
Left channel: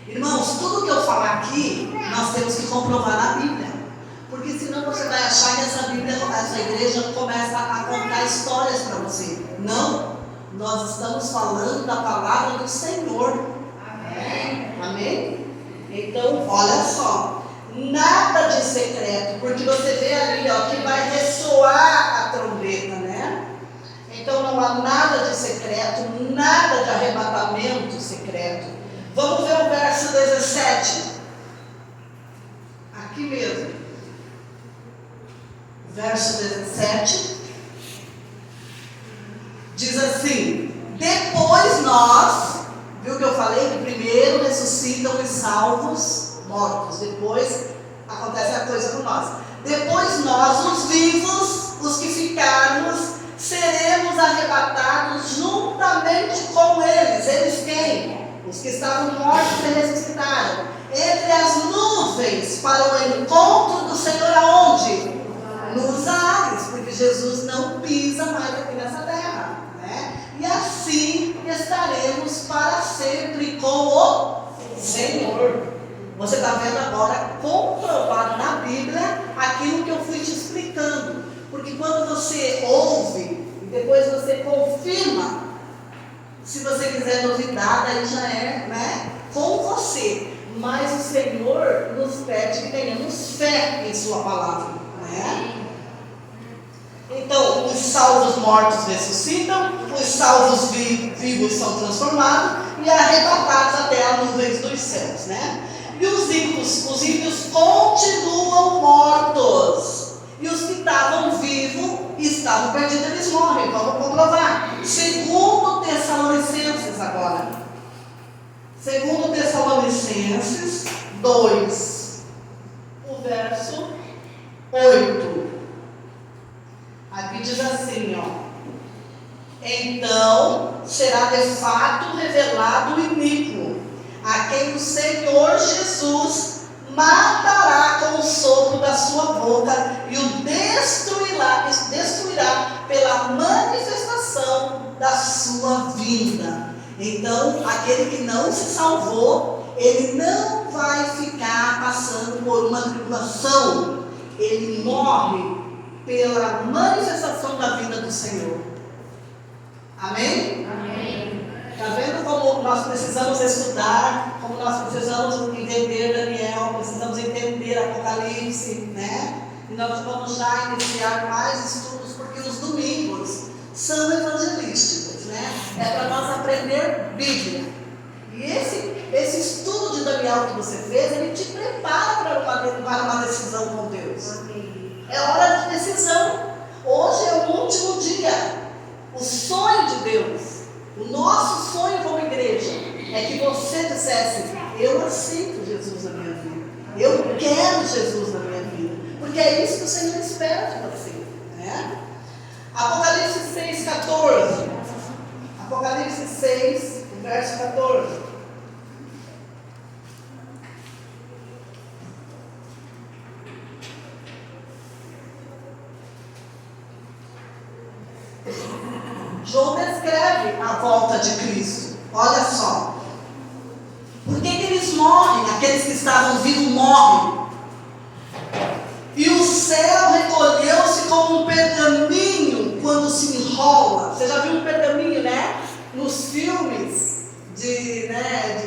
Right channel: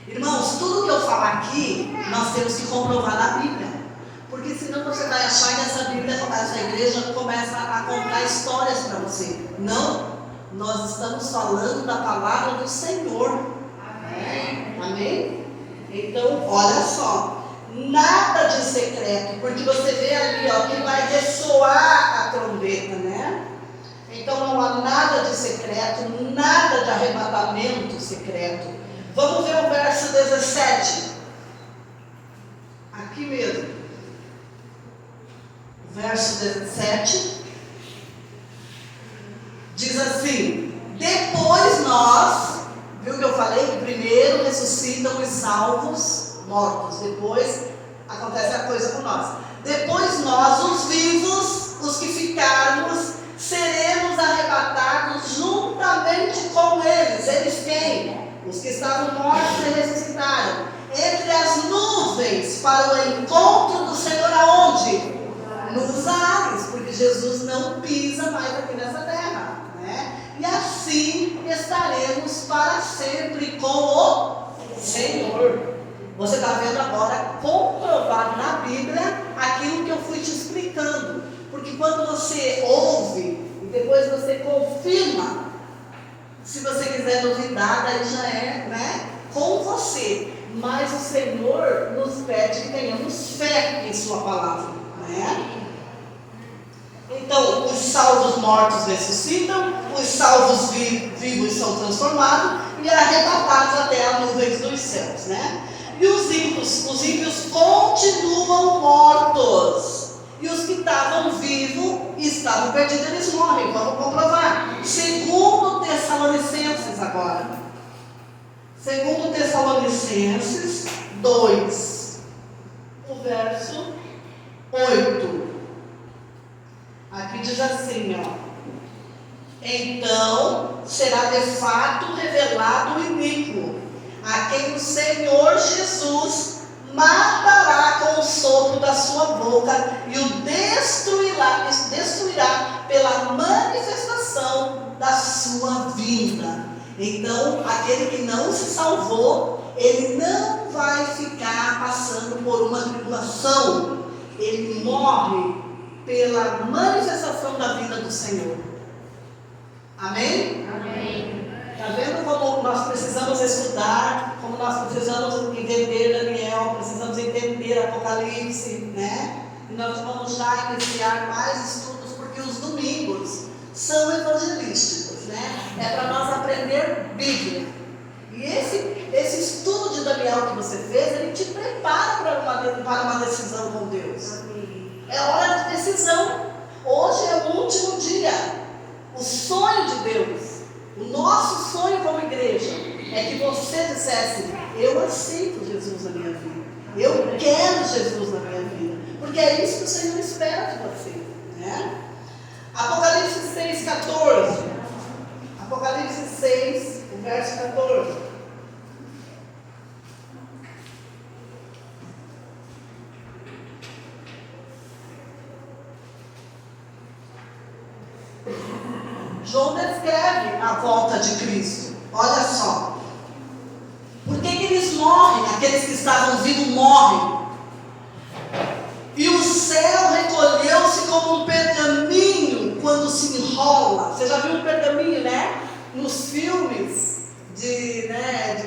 Irmãos, tudo que eu falar aqui, nós temos que comprovar na Bíblia. Porque senão você vai achar que essa igreja começa a contar histórias para você. Não, nós estamos falando da palavra do Senhor. Amém? Amém? Então, olha só, nada de secreto, porque você vê ali, ó, que vai ressoar a trombeta, né? Então não há nada de secreto, nada de arrebatamento secreto. Vamos ver o verso 17. Aqui mesmo. Verso 17 diz assim: depois nós, viu que eu falei que primeiro ressuscitam os salvos mortos, depois acontece a coisa com nós. Depois nós, os vivos, os que ficarmos, seremos arrebatados juntamente com eles. Eles quem? Os que estavam mortos e ressuscitaram, entre as nuvens, para o encontro do Senhor aonde? Nos ares, porque Jesus não pisa mais aqui nessa terra, né? E assim estaremos para sempre com o Senhor. Você está vendo agora comprovado na Bíblia aquilo que eu fui te explicando. Porque quando você ouve e depois você confirma, se você quiser duvidar, aí já é, né, com você. você, mas o Senhor nos pede que tenhamos fé em sua palavra, né? Então, os salvos mortos ressuscitam, os salvos vivos são transformados e arrebatados até as nuvens dos céus, né? E os ímpios continuam mortos. E os que estavam vivos e estavam perdidos, eles morrem. Vamos comprovar. Segundo Tessalonicenses agora. Segundo Tessalonicenses 2, o verso 8. Aqui diz assim, ó. Então será de fato revelado o iníquo, a quem o Senhor Jesus matará com o sopro da sua boca e o destruirá pela manifestação da sua vinda. Então, aquele que não se salvou, ele não vai ficar passando por uma tribulação. Ele morre pela manifestação da vinda do Senhor. Amém? Amém. Está vendo como nós precisamos estudar, como nós precisamos entender Daniel, precisamos entender Apocalipse, né? E nós vamos já iniciar mais estudos, porque os domingos são evangelísticos, né? É para nós aprender Bíblia. E esse estudo de Daniel que você fez, ele te prepara para uma decisão com Deus. Amém. É hora de decisão. Hoje é o último dia. O sonho de Deus, o nosso sonho como igreja, é que você dissesse: eu aceito Jesus na minha vida, eu quero Jesus na minha vida, porque é isso que o Senhor espera de você, né? Apocalipse 6, 14. Apocalipse 6, verso 14. João descreve a volta de Cristo. Olha só. Por que eles morrem? Aqueles que estavam vivos morrem. E o céu recolheu-se como um pergaminho quando se enrola. Você já viu um pergaminho, né? Nos filmes de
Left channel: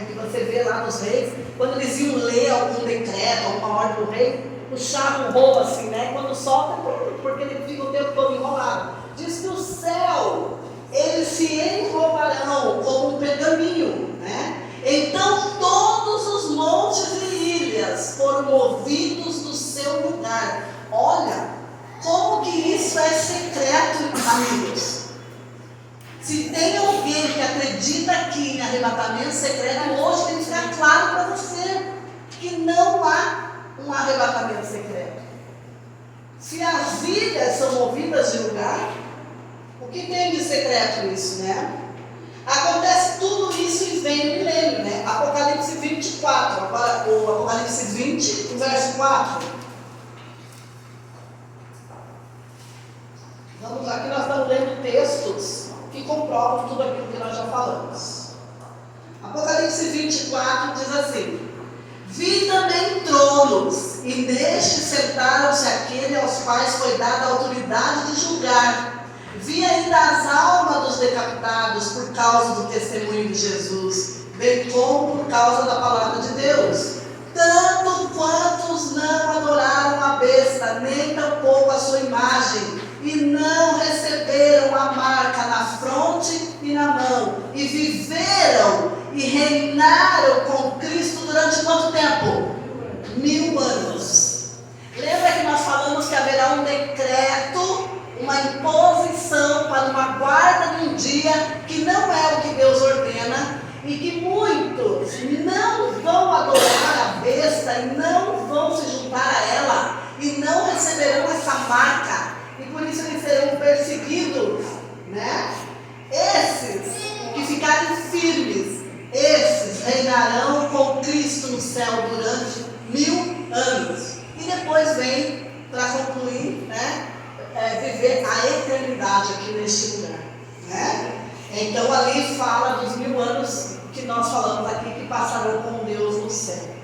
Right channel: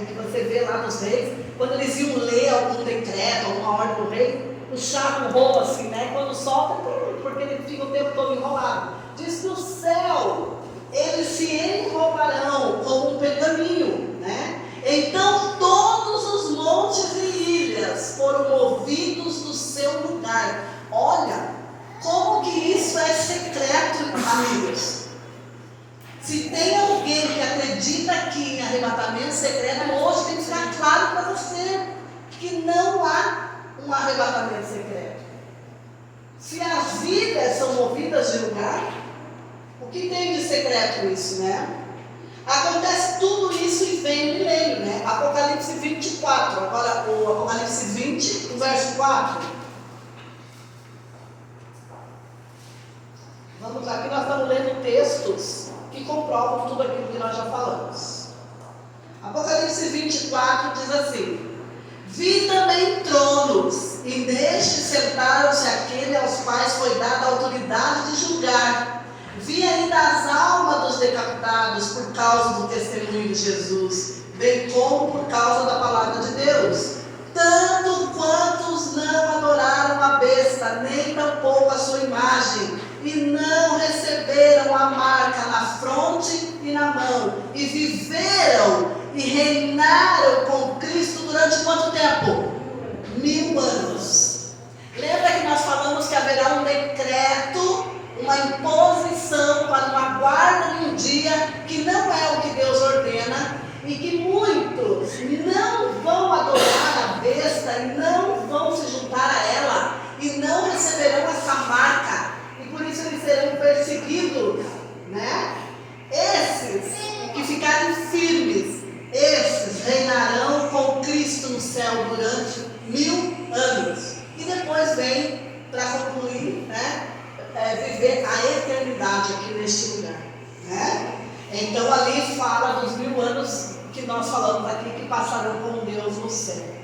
que você vê lá nos reis, quando eles iam ler algum decreto, alguma ordem do rei, puxavam o rolo assim, né? Quando solta, porque ele fica o tempo todo enrolado. Diz que o céu, eles se enrolarão como um pergaminho, né? Então todos os montes e ilhas foram movidos do seu lugar. Olha, como que isso é secreto, amigos. Se tem alguém que acredita aqui em arrebatamento secreto, hoje tem que ficar claro para você que não há um arrebatamento secreto. Se as ilhas são movidas de lugar, o que tem de secreto isso, né? Acontece tudo isso e vem o milênio, né? Apocalipse 24, agora o Apocalipse 20, o verso 4. Vamos aqui, nós estamos lendo textos que comprovam tudo aquilo que nós já falamos. Apocalipse 24 diz assim: vi também tronos, e neste sentaram-se aqueles aos quais foi dada a autoridade de julgar. Vi ainda as almas dos decapitados por causa do testemunho de Jesus, bem como por causa da palavra de Deus. Tanto quantos não adoraram a besta, nem tampouco a sua imagem, e não receberam a marca na fronte e na mão, e viveram e reinaram com Cristo durante quanto tempo? 1000 anos. Lembra que nós falamos que haverá um decreto, uma imposição para uma guarda de um dia que não é o que Deus ordena, e que muitos não vão adorar a besta e não vão se juntar a ela e não receberão essa marca, e por isso eles serão perseguidos, né? Esses que ficarem firmes, esses reinarão com Cristo no céu durante 1000 anos, e depois vem para concluir, né? Viver a eternidade aqui neste lugar, né? Então ali fala dos 1000 anos que nós falamos aqui, que passarão com Deus no céu.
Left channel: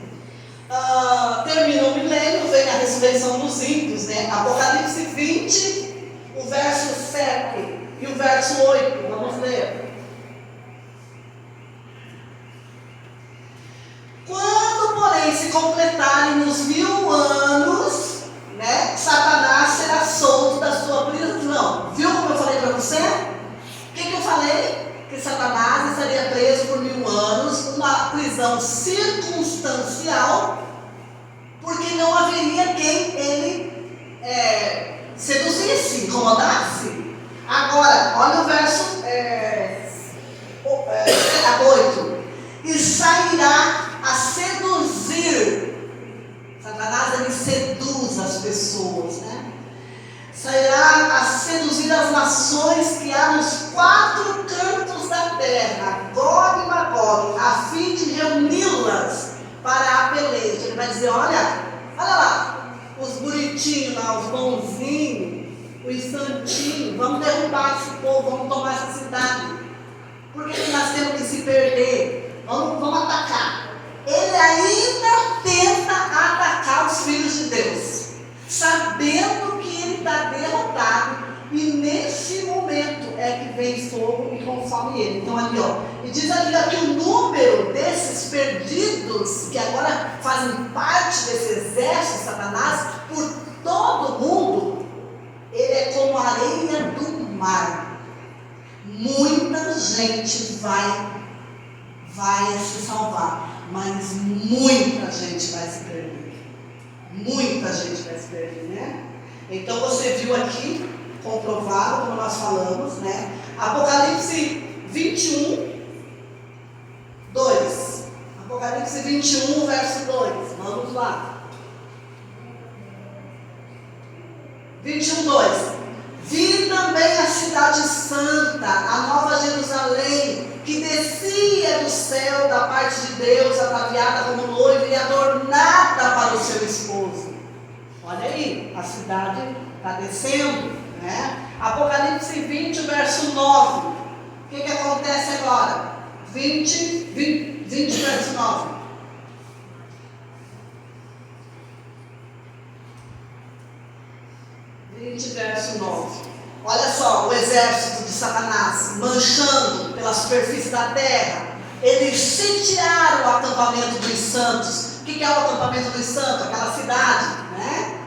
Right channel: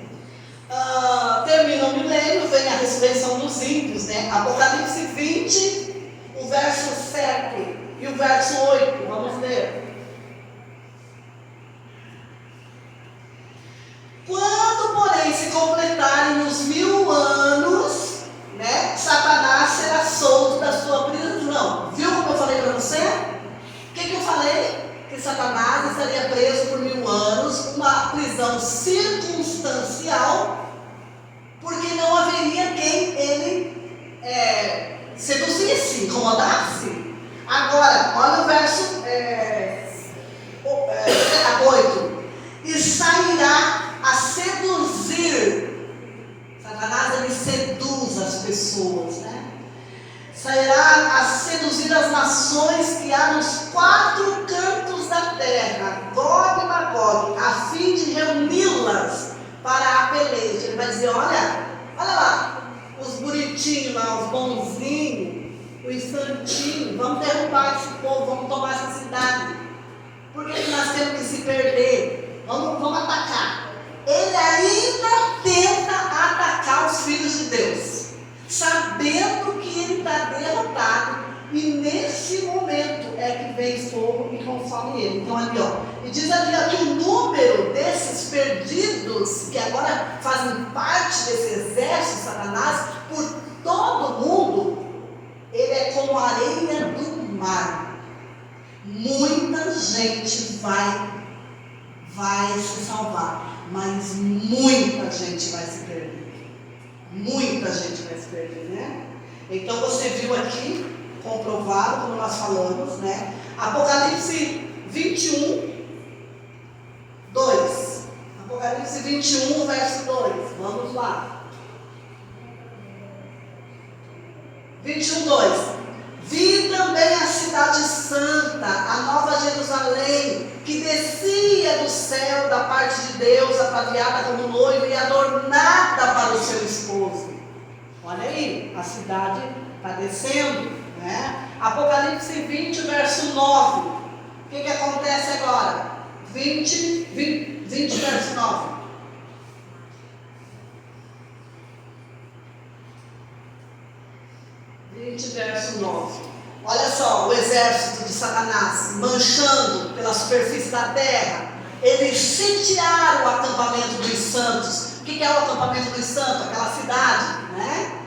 Termina o milênio, vem a ressurreição dos ímpios, né? Apocalipse 20, o verso 7 e o verso 8, vamos ler. completarem os 1000 anos, né, Satanás será solto da sua prisão. Viu como eu falei para você? O que eu falei? Que Satanás estaria preso por 1000 anos, uma prisão circunstancial, porque não haveria quem ele seduzisse, incomodasse. Agora, olha o verso 8. E sairá a seduzir. Satanás, ele seduz as pessoas, né? Sairá a seduzir as nações que há nos 4 cantos da terra, Gog e Magog, a fim de reuni-las para a peleja. Ele vai dizer, olha lá, os bonitinhos lá, os bonzinhos, os santinhos, vamos derrubar esse povo, vamos tomar essa cidade. Por que nós temos que se perder? Vamos atacar. Ele ainda tenta atacar os filhos de Deus, sabendo que ele está derrotado, e nesse momento é que vem fogo e consome ele. Então ali, e diz ali que o número desses perdidos, que agora fazem parte desse exército de Satanás, por todo o mundo, ele é como a areia do mar. Muita gente vai se salvar, mas muita gente vai se perder. Muita gente vai se perder, né? Então você viu aqui, comprovado, como nós falamos, né? Apocalipse 21, 2. Apocalipse 21, verso 2. Vamos lá. 21, 2. Vi também a cidade santa, a nova Jerusalém, que descia do céu da parte de Deus, ataviada como noiva e adornada para o seu esposo. Olha aí, a cidade está descendo, né? Apocalipse 20, verso 9. O que acontece agora? 20, verso 9. 20, verso 9. Olha só, o exército de Satanás manchando pela superfície da terra. Eles sitiaram o acampamento dos santos. O que é o acampamento dos santos? Aquela cidade, né?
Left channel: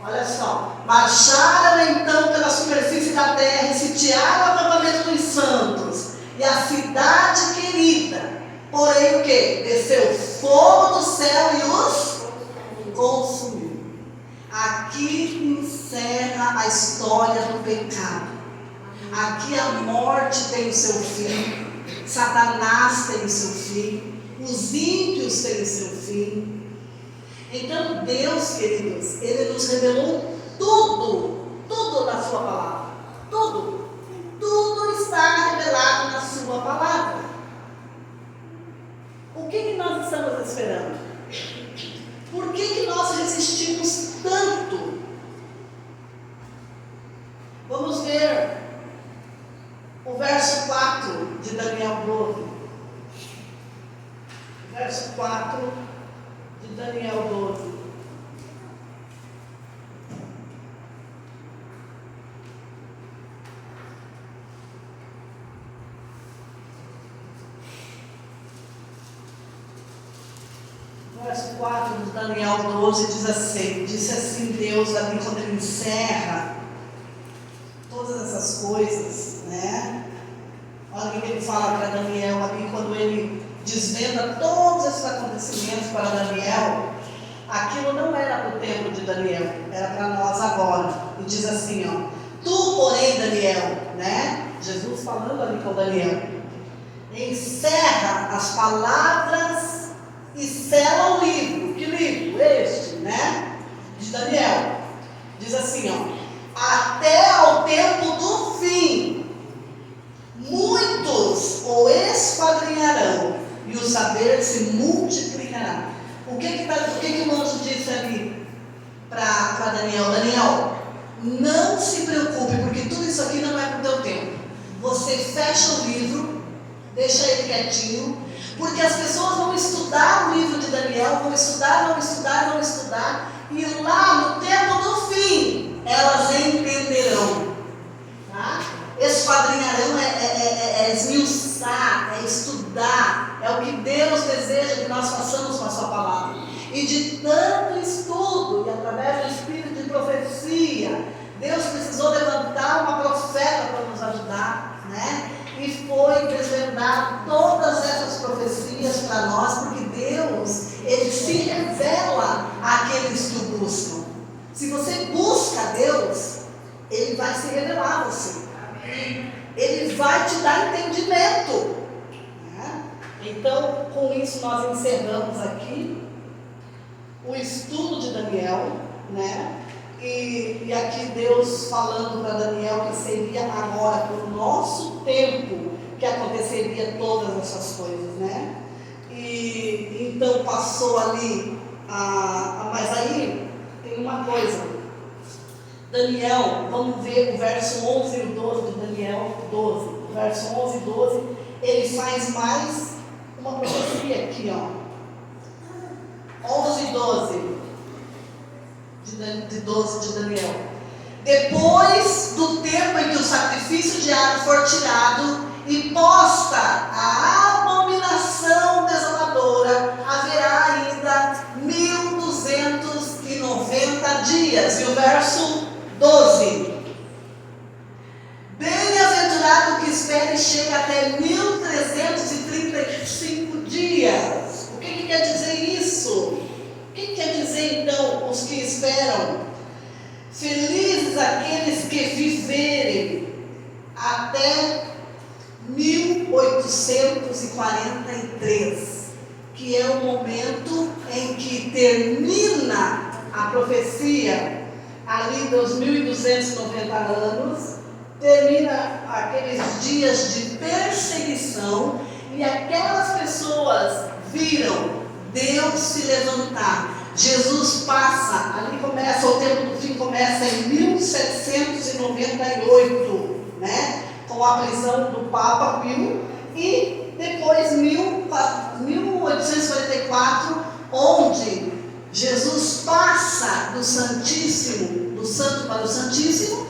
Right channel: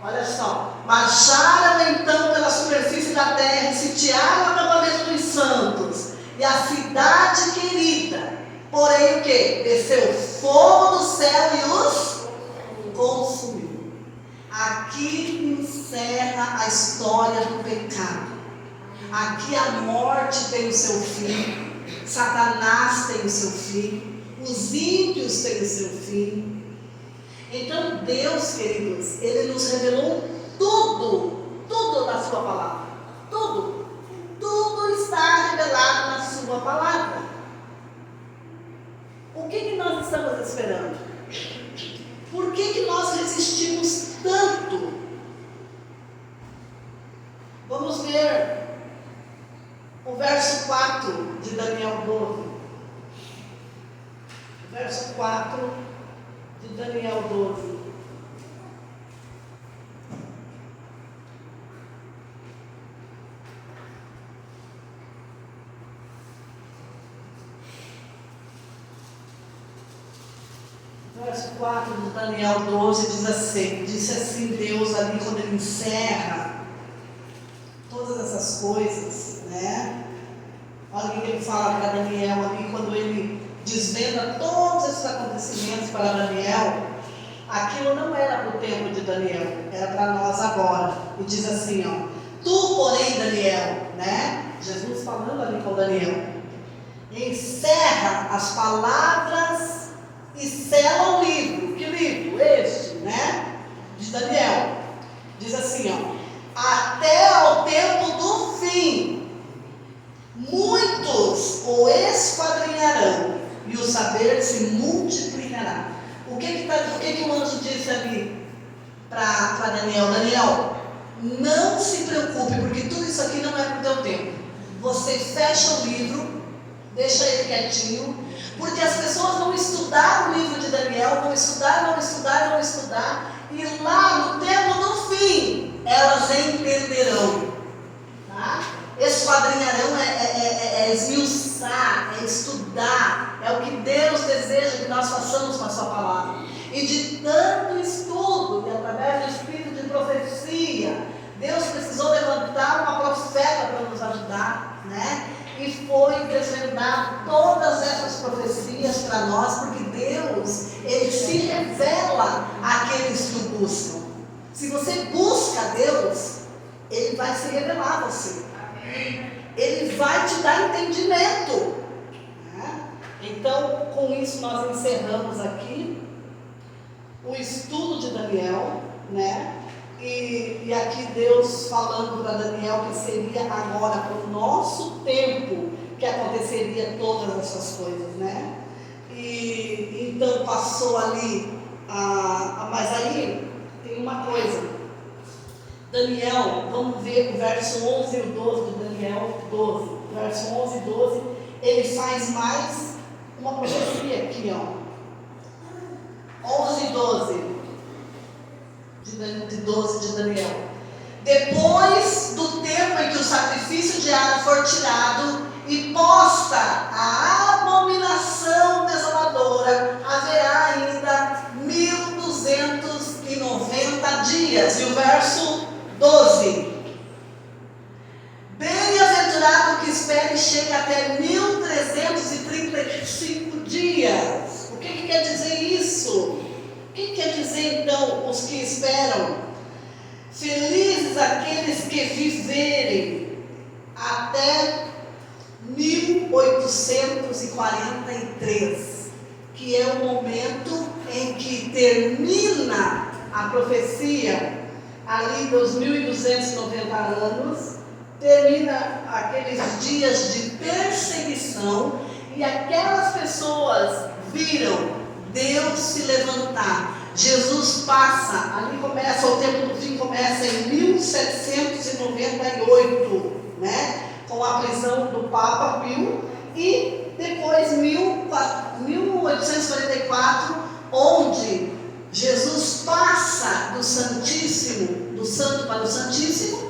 Olha só, marcharam então pela superfície da terra e sitiaram o acampamento dos santos e a cidade querida. Porém o que? Desceu fogo do céu e os consumiu. Aqui encerra a história do pecado. Aqui a morte tem o seu fim, Satanás tem o seu fim, os ímpios têm o seu fim. Então Deus, queridos, Ele nos revelou tudo na sua palavra. Tudo está revelado na sua palavra. O que nós estamos esperando? Por que nós resistimos tanto? Vamos ver o verso 4 de Daniel 12. Verso 4 de Daniel 12. Verso 4 de Daniel 12 disse assim Deus ali quando ele encerra todas essas coisas, né? Olha o que ele fala para Daniel ali quando ele desvenda todos esses acontecimentos para Daniel. Aquilo não era para o tempo de Daniel, era para nós agora. E diz assim, tu porém Daniel, né? Jesus falando ali com Daniel, encerra as palavras e sela o livro. Que livro? Este, né? De Daniel. Diz assim, até ao tempo do fim, muitos o esquadrinharão e o saber se multiplicará. O que o anjo disse ali para Daniel? Daniel, não se preocupe, porque tudo isso aqui não é para o teu tempo. Você fecha o livro, deixa ele quietinho, porque as pessoas vão estudar o livro de Daniel, vão estudar, e lá no tempo do fim, elas entenderão. Tá? Esquadrinharão é esmiuçar, é estudar, é o que Deus deseja que nós façamos com a sua palavra. e de tanto estudo, e através do espírito de profecia, Deus precisou levantar uma profeta para nos ajudar, né? E foi desvendado todas essas profecias para nós, porque Deus, Ele se revela àqueles que o buscam. Se você busca Deus, Ele vai se revelar a você. Amém. Ele vai te dar entendimento. Né? Então, com isso nós encerramos aqui o estudo de Daniel, né? E aqui Deus falando para Daniel que seria agora para o nosso tempo que aconteceria todas essas coisas, né? E então passou ali, mas aí tem uma coisa, Daniel, vamos ver o verso 11 e o 12 de Daniel 12, verso 11 e 12, ele faz mais uma profecia aqui, ó, 11 e 12. De 12 de Daniel. Depois do tempo em que o sacrifício diário for tirado e posta a abominação desoladora, haverá ainda 1290 dias. E o verso 12: bem-aventurado que espere e chegue até 1335 dias. O que quer dizer isso? O que quer dizer então os que esperam? Felizes aqueles que viverem até 1843, que é o momento em que termina a profecia, ali dos 1290 anos, termina aqueles dias de perseguição, e aquelas pessoas viram Deus se levantar. Jesus passa, ali começa, o tempo do fim começa em 1798, né? Com a prisão do Papa Pio, e depois 1844, onde Jesus passa do Santíssimo, do Santo para o Santíssimo,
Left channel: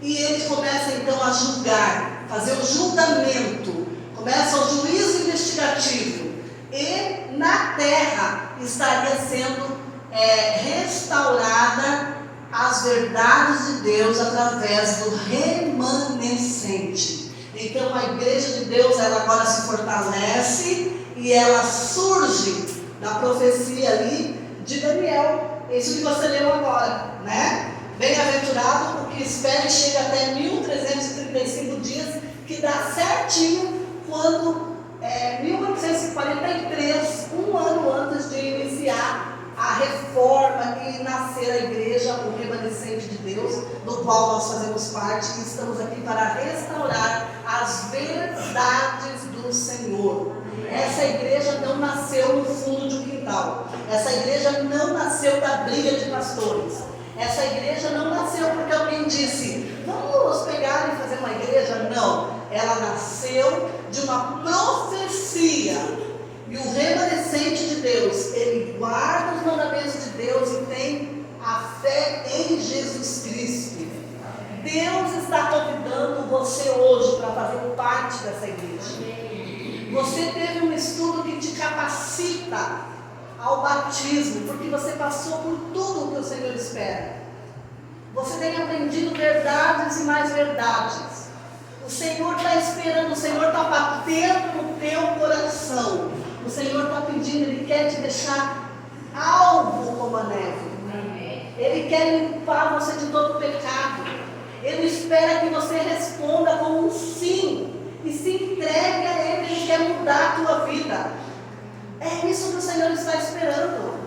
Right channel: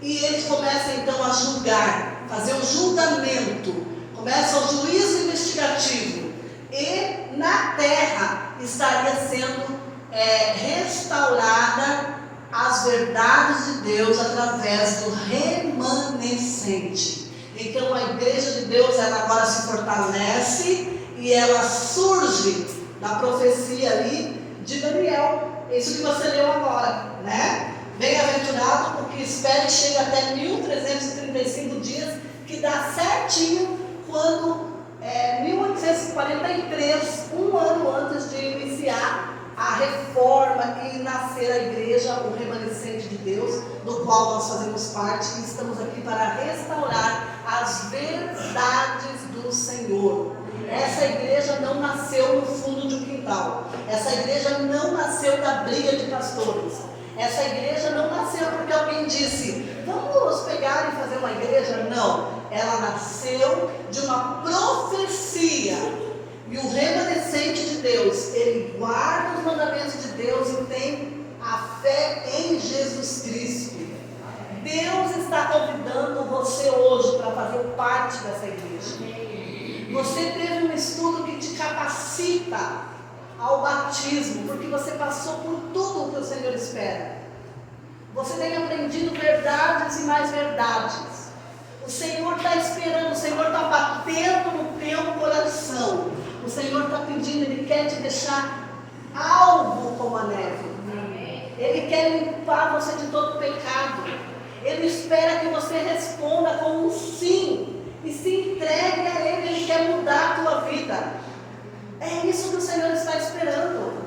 e ele começa então a julgar, fazer o julgamento, começa o juízo investigativo, e na terra estaria sendo restaurada as verdades de Deus através do remanescente. Então a igreja de Deus, ela agora se fortalece e ela surge da profecia ali de Daniel, isso que você leu agora, né? Bem-aventurado o que espera e chega até 1335 dias, que dá certinho quando 1843, um ano antes de iniciar a reforma e nascer a igreja, o remanescente de Deus, do qual nós fazemos parte, e estamos aqui para restaurar as verdades do Senhor. Essa igreja não nasceu no fundo de um quintal, essa igreja não nasceu da briga de pastores, essa igreja não nasceu porque alguém disse, vamos pegar e fazer uma igreja. Não, ela nasceu de uma profecia. E o remanescente de Deus, ele guarda os mandamentos de Deus e tem a fé em Jesus Cristo. Deus está convidando você hoje para fazer parte dessa igreja. Você teve um estudo que te capacita ao batismo, porque você passou por tudo o que o Senhor espera. Você tem aprendido verdades e mais verdades. O Senhor está esperando, o Senhor está batendo no teu coração. O Senhor está pedindo, Ele quer te deixar alvo como a neve. Ele quer limpar você de todo pecado. Ele espera que você responda com um sim. E se entregue a Ele, Ele quer mudar a tua vida. É isso que o Senhor está esperando.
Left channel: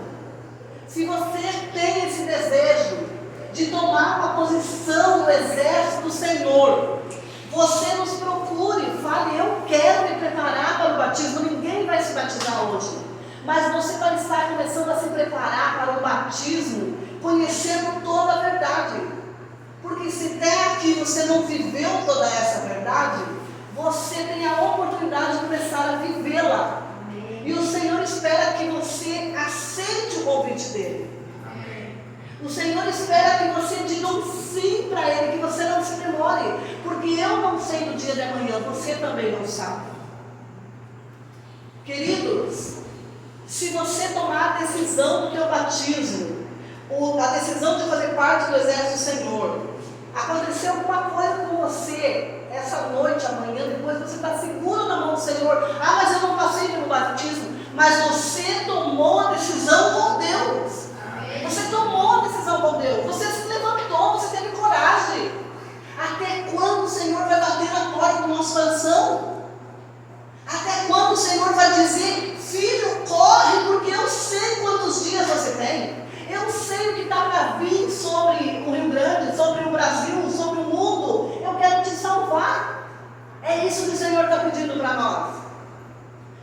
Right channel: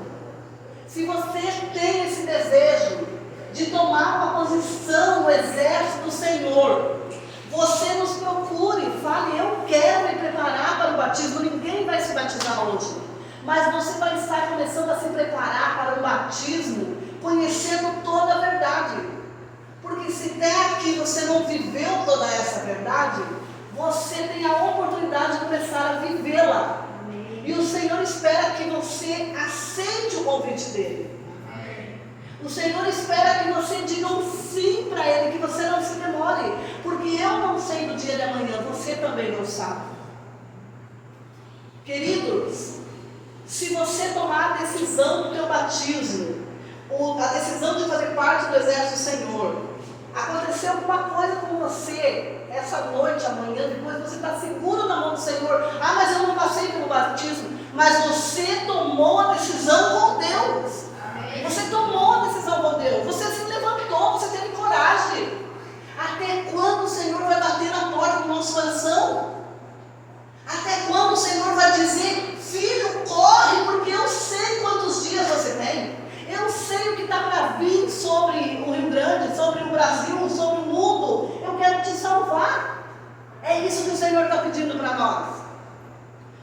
Se você tem esse desejo de tomar uma posição no exército do Senhor, você nos procure, fale, eu quero me preparar para o batismo. Ninguém vai se batizar hoje, mas você vai estar começando a se preparar para o batismo, conhecendo toda a verdade. Porque se até aqui você não viveu toda essa verdade, você tem a oportunidade de começar a vivê-la. E o Senhor espera que você aceite o convite dele. O Senhor espera que você diga um sim para Ele, que você não se demore, porque eu não sei do dia de amanhã, você também não sabe. Queridos, Se você tomar a decisão do teu batismo, a decisão de fazer parte do exército do Senhor, aconteceu alguma coisa com você essa noite, amanhã, depois você está seguro na mão do Senhor. Ah, mas eu não passei pelo batismo. Mas você tomou a decisão com Deus. Amém. Você tomou a decisão com Deus. Você se levantou, você teve coragem. Até quando o Senhor vai bater na porta do nosso coração? Até quando o Senhor vai dizer: filho, corre, porque eu sei quantos dias você tem. Eu sei o que está para vir sobre o Rio Grande, sobre o Brasil, sobre o mundo. Eu quero te salvar. É isso que o Senhor está pedindo para nós.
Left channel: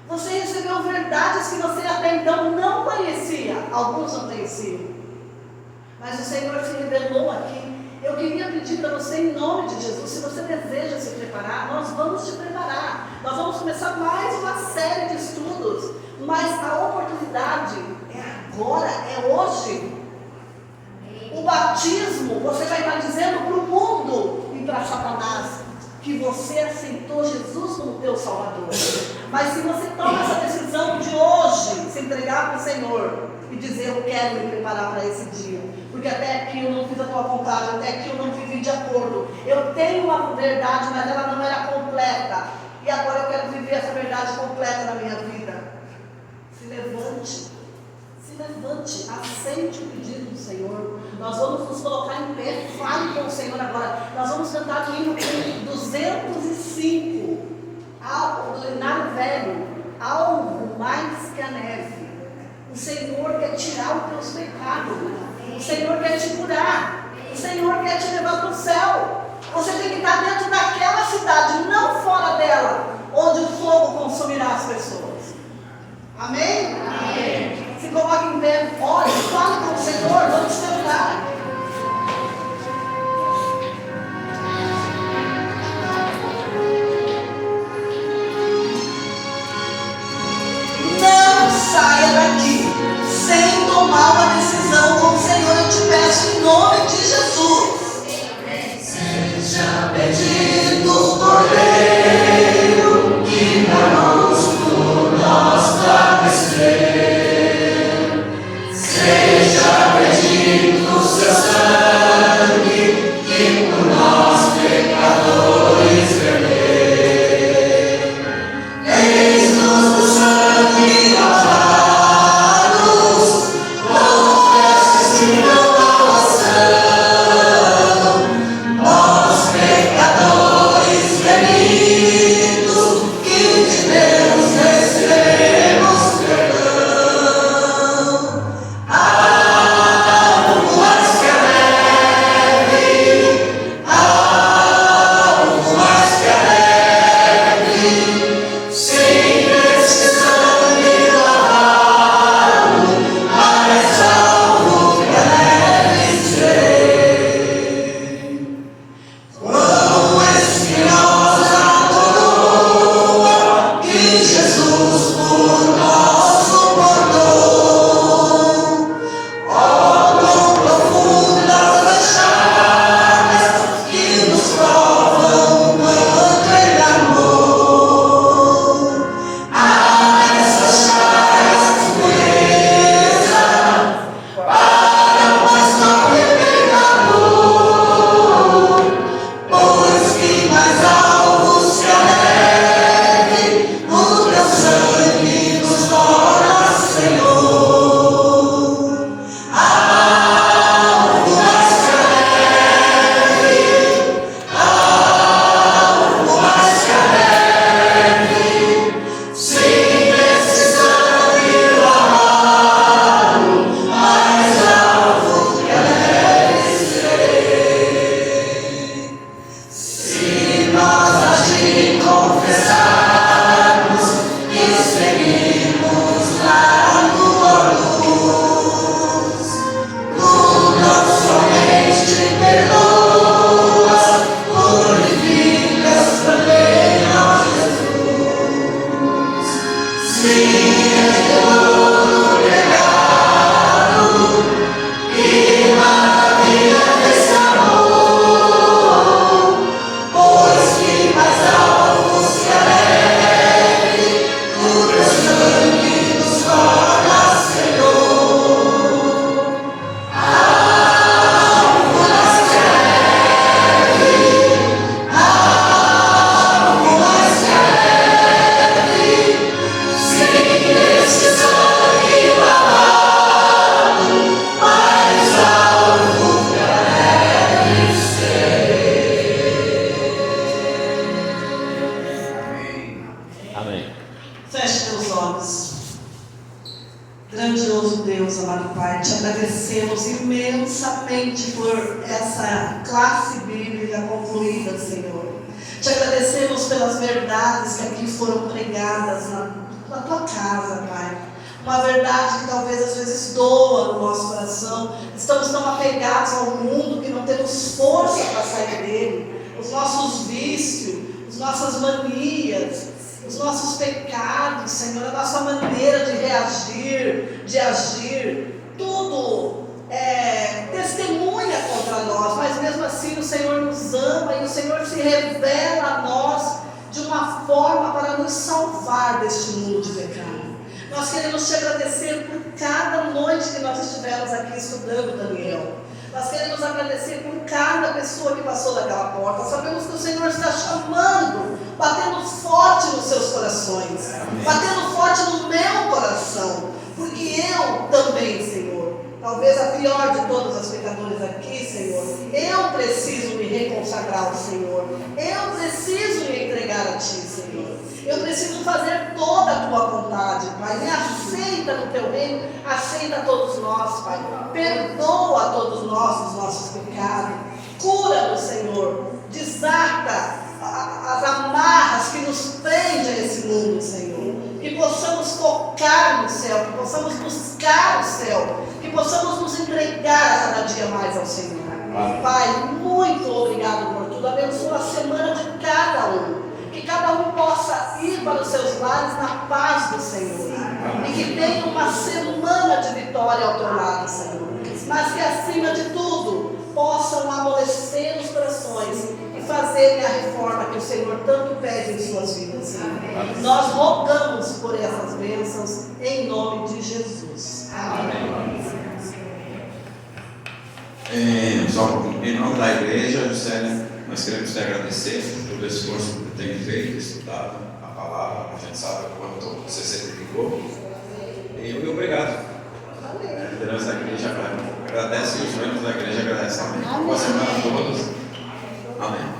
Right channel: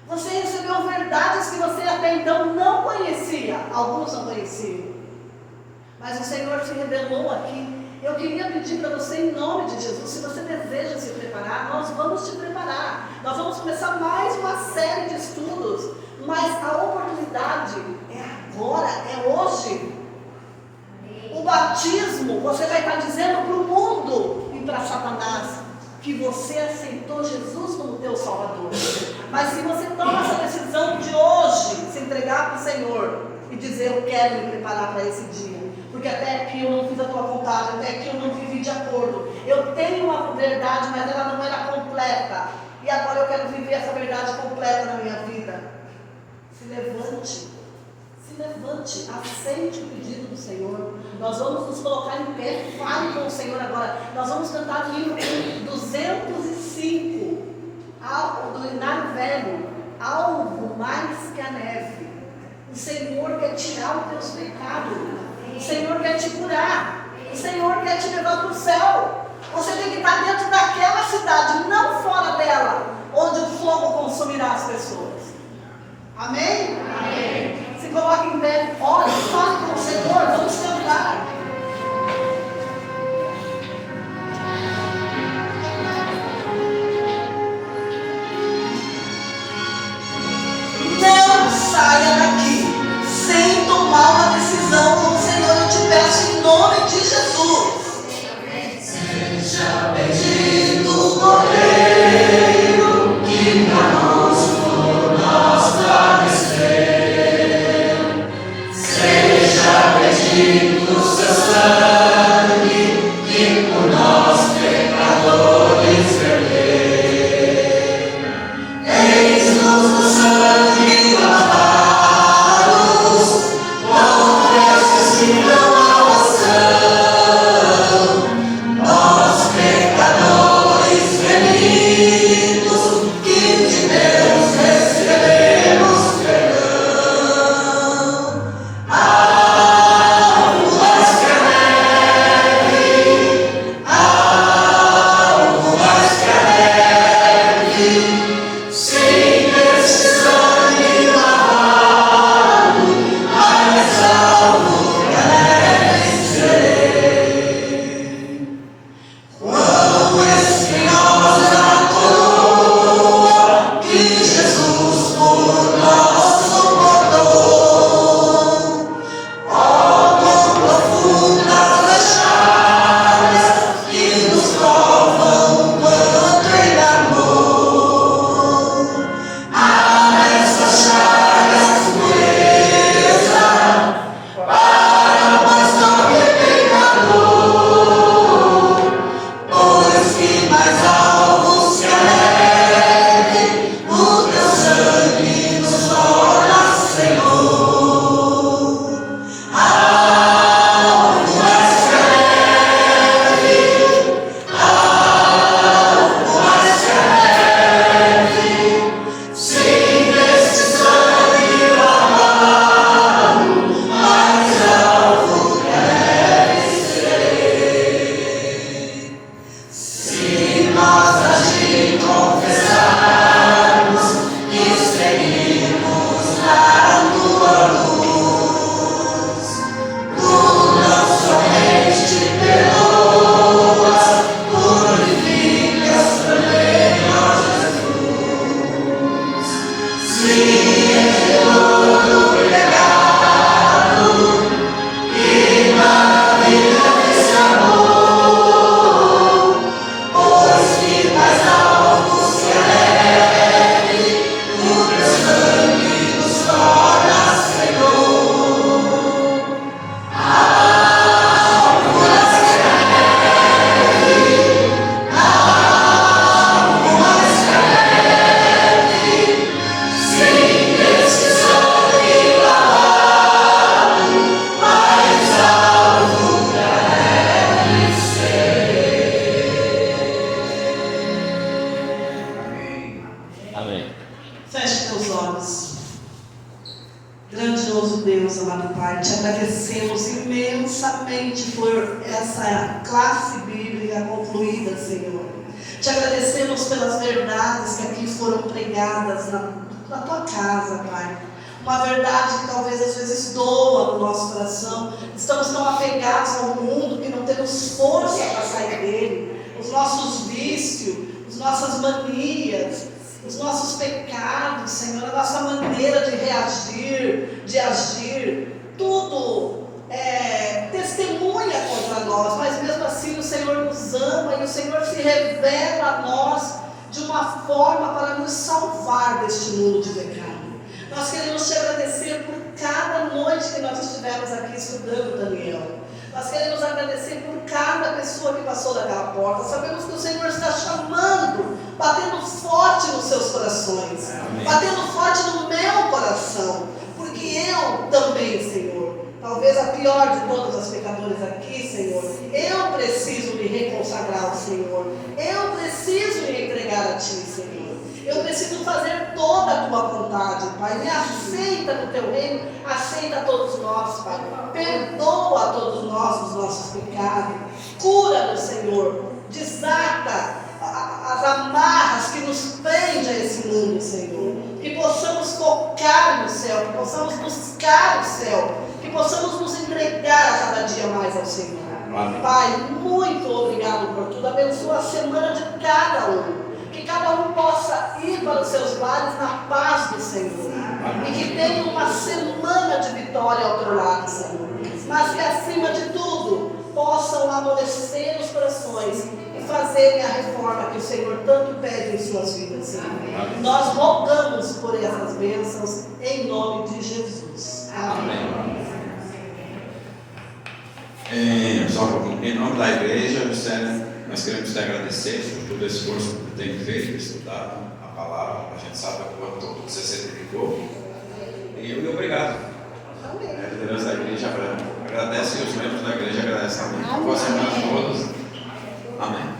Você recebeu verdades que você até então não conhecia. Alguns não conheciam. Mas o Senhor se revelou aqui. Eu queria pedir para você, em nome de Jesus, se você deseja se preparar, nós vamos te preparar. Nós vamos começar mais uma série de estudos. Mas a oportunidade é agora, é hoje. O batismo, você vai estar dizendo para o mundo e para Satanás que você aceitou Jesus como teu Salvador. Mas se você toma essa decisão de hoje, se entregar para o Senhor e dizer: eu quero me preparar para esse dia, porque até aqui eu não fiz a tua vontade, até aqui eu não vivi de acordo. Eu tenho uma verdade, mas ela não era completa. E agora eu quero viver essa verdade completa na minha vida. Se levante, aceite o pedido do Senhor. Nós vamos nos colocar em pé, fale com o Senhor agora. Nós vamos cantar o hino 205, do Hinário Velho, algo mais que a neve. O Senhor quer tirar os teus pecados, o Senhor quer te curar, o Senhor quer te levar para o céu. Você tem que estar dentro daquela cidade, não fora dela, onde o fogo consumirá as pessoas. Amém? Amém. Se coloque em pé, ore, fale com o Senhor, vamos cantar. Não saia daqui sem tomar uma decisão com o Senhor. Eu te peço em nome de Jesus. Seja bendito o Cordeiro que conosco nós travesseiro. Seja bendito o seu sangue que por nós pecadores verteu. Eis-nos do sangue lavados, com vestes que não ação. Nós pecadores remidos, que de Deus recebemos perdão. Algo mais que a neve, algo mais que a neve, sem esse sangue lavado, mais alvo que a neve serei. Quão espinhosa a coroa que Jesus por nós suportou. Quão profundas as chagas que nos provam quanto Ele amou. Nessas chagas pureza para mais nobre pecador, pois que mais alvos que a neve, o teu sangue nos torna Senhor. Algo mais que a neve, algo mais que a neve, sem esse sangue lavado, mais alvo que a neve serei. Se nós assim confessarmos e seguirmos na tua luz, tu não somente perdoas, purificas também, ó Jesus. Sim, és todo pecado, que maravilha desse amor, pois que mais alvos que a neve, o teu sangue nos torna Feche teus olhos. Grandioso Deus, amado Pai, te agradecemos imensamente por essa classe bíblica concluída, Senhor. Te agradecemos pelas verdades que aqui foram pregadas na tua casa, Pai. Uma verdade que talvez às vezes doa no nosso coração. Estamos tão apegados ao mundo que não temos força para sair dele. Os nossos vícios, as nossas manias, os nossos pecados, Senhor, a nossa maneira de reagir, de agir, tudo testemunha contra nós, mas mesmo assim o Senhor nos ama e o Senhor se revela a nós de uma forma para nos salvar deste mundo de pecado. Nós queremos te agradecer por cada noite que nós estivemos aqui estudando, Daniel. Nós queremos agradecer por cada pessoa que passou daquela porta. Sabemos que o Senhor está chamando, batendo forte nos seus corações. Amém. Batendo forte no meu coração. Porque eu também, Senhor, talvez a pior de todas as pecadoras aqui, Senhor, eu preciso me reconsagrar ao Senhor. Eu preciso me entregar a Ti, Senhor. Eu preciso fazer toda a Tua vontade, Pai. Me aceita no Teu reino, aceita todos nós, Pai. Perdoa a todos nós os nossos pecados. Cura-nos, Senhor. Desata as amarras que nos prendem a esse mundo, Senhor. Que possamos tocar no céu, que possamos buscar o céu, que possamos nos entregar a cada dia mais ao Senhor. Amém. Pai, muito obrigado por tudo. Abençoa a semana de cada um. Que cada um possa ir para os seus lares na paz do Senhor. Amém. E que tenha uma semana de vitória ao teu lado, Senhor. Mas que acima de tudo possam amolecer os corações e fazerem a reforma que o Senhor tanto pede em suas vidas, Senhor. Amém. Nós rogamos por essas bênçãos em nome de Jesus. Amém. Em nome da igreja, nós queremos te agradecer por todo o esforço que tem feito, estudado a palavra. A gente sabe quanto você se dedicou. E obrigado. A liderança da igreja agradece e os membros da igreja agradecem também. Boa semana a todos. Amém.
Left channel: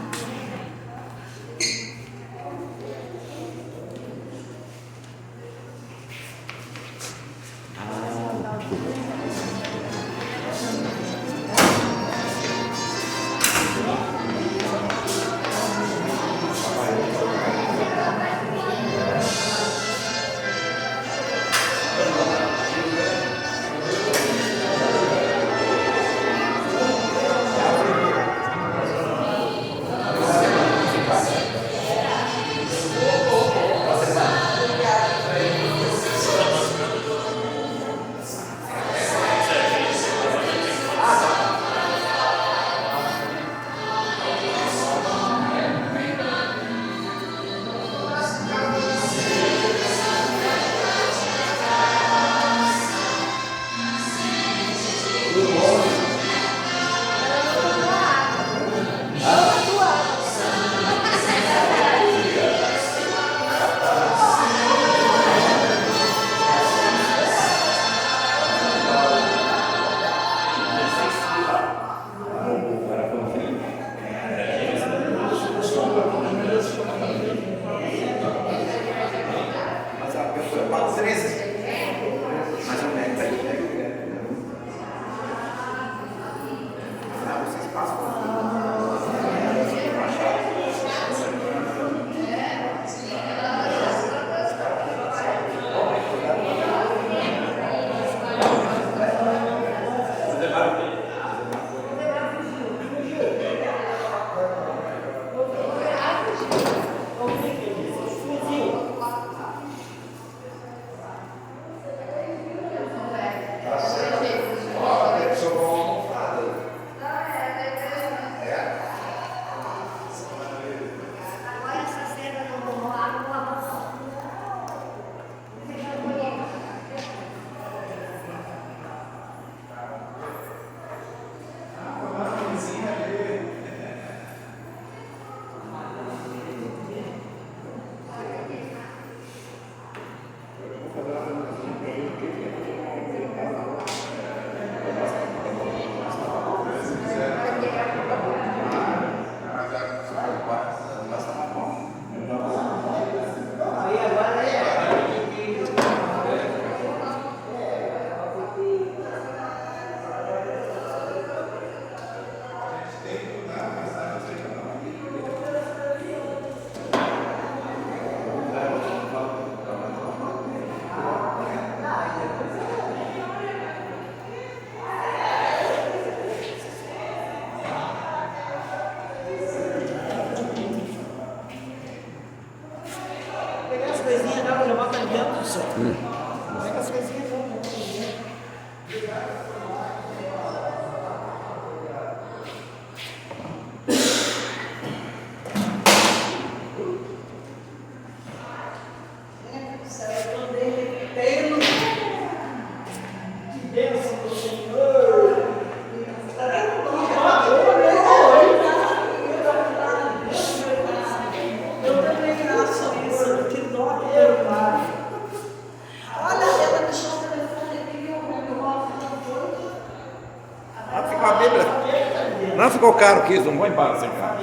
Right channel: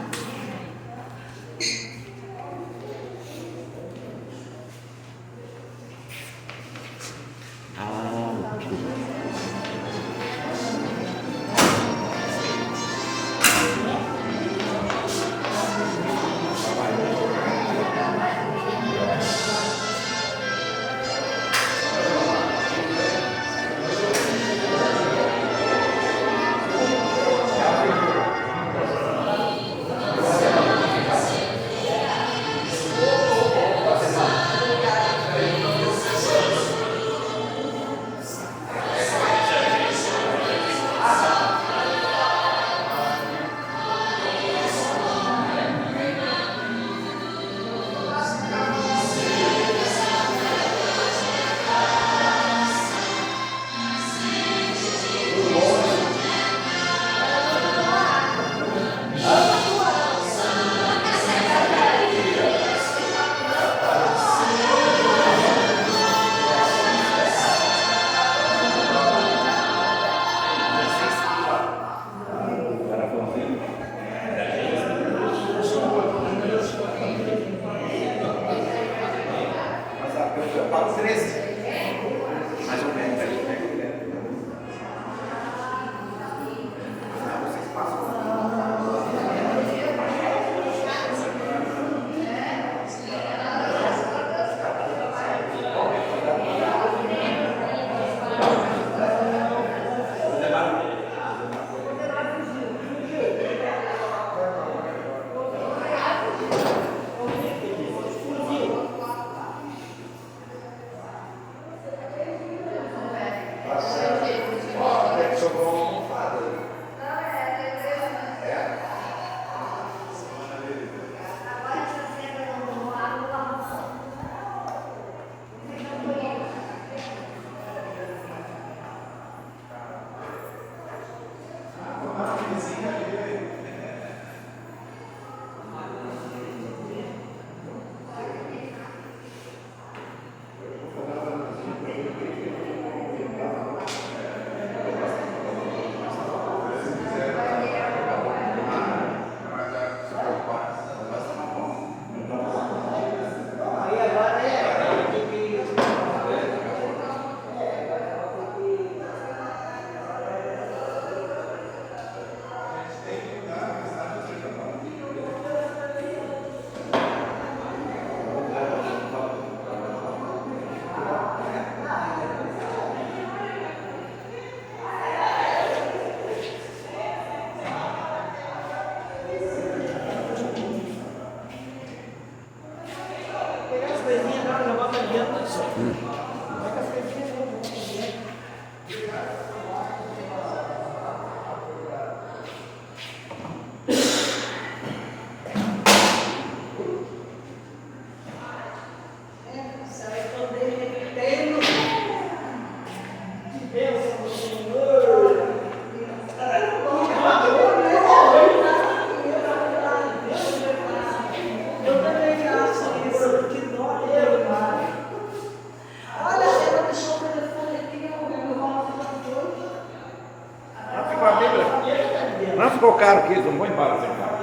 Não ficou caro que isso, não vou embora sem caro.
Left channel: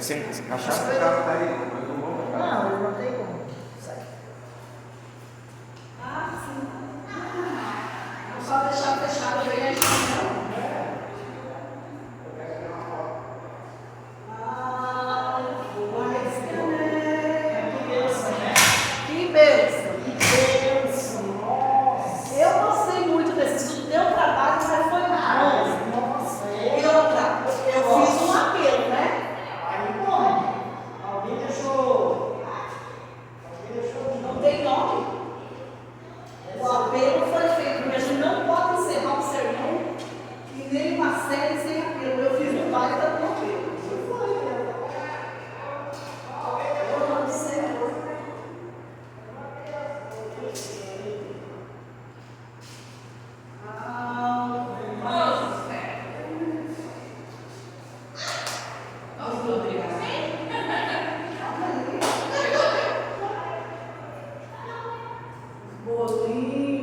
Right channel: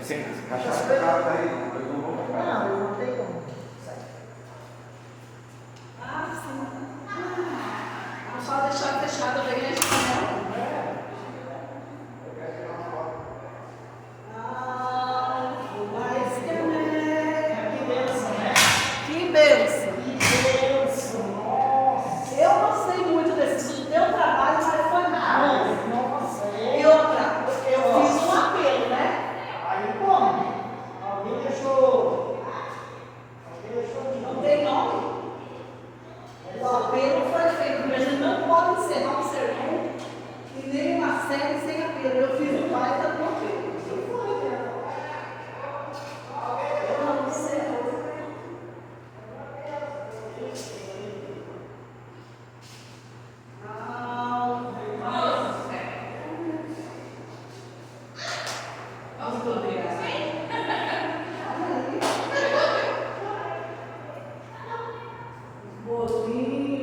Sem cachaça é caro daí. Não, eu não tenho como. Sim. Só deixar fechado bem a janela. Mas que bênção, né? Que bênção. Nossa. Eu gostei muito desse estudo. Deu trabalho, mas foi rápido. Nossa. E outra, eu fiz um apelo, né? Aí como? Alguém deixou. Não tem nome? O apelo foi feito, porque a gente não pode encerrar um sermão e nem uma série sem apelo. Eu fiz um baita do apelo. Isso foi, né? Eu amo o Senhor. Bolinho.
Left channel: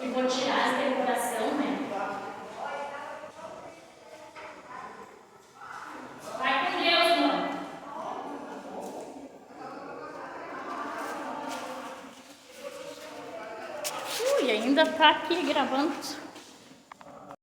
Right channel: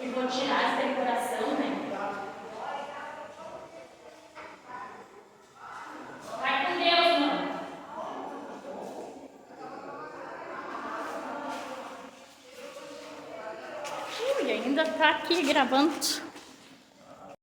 E vou tirar essa decoração, né? Vai com Deus, mano. Ui, ainda tá aqui gravando.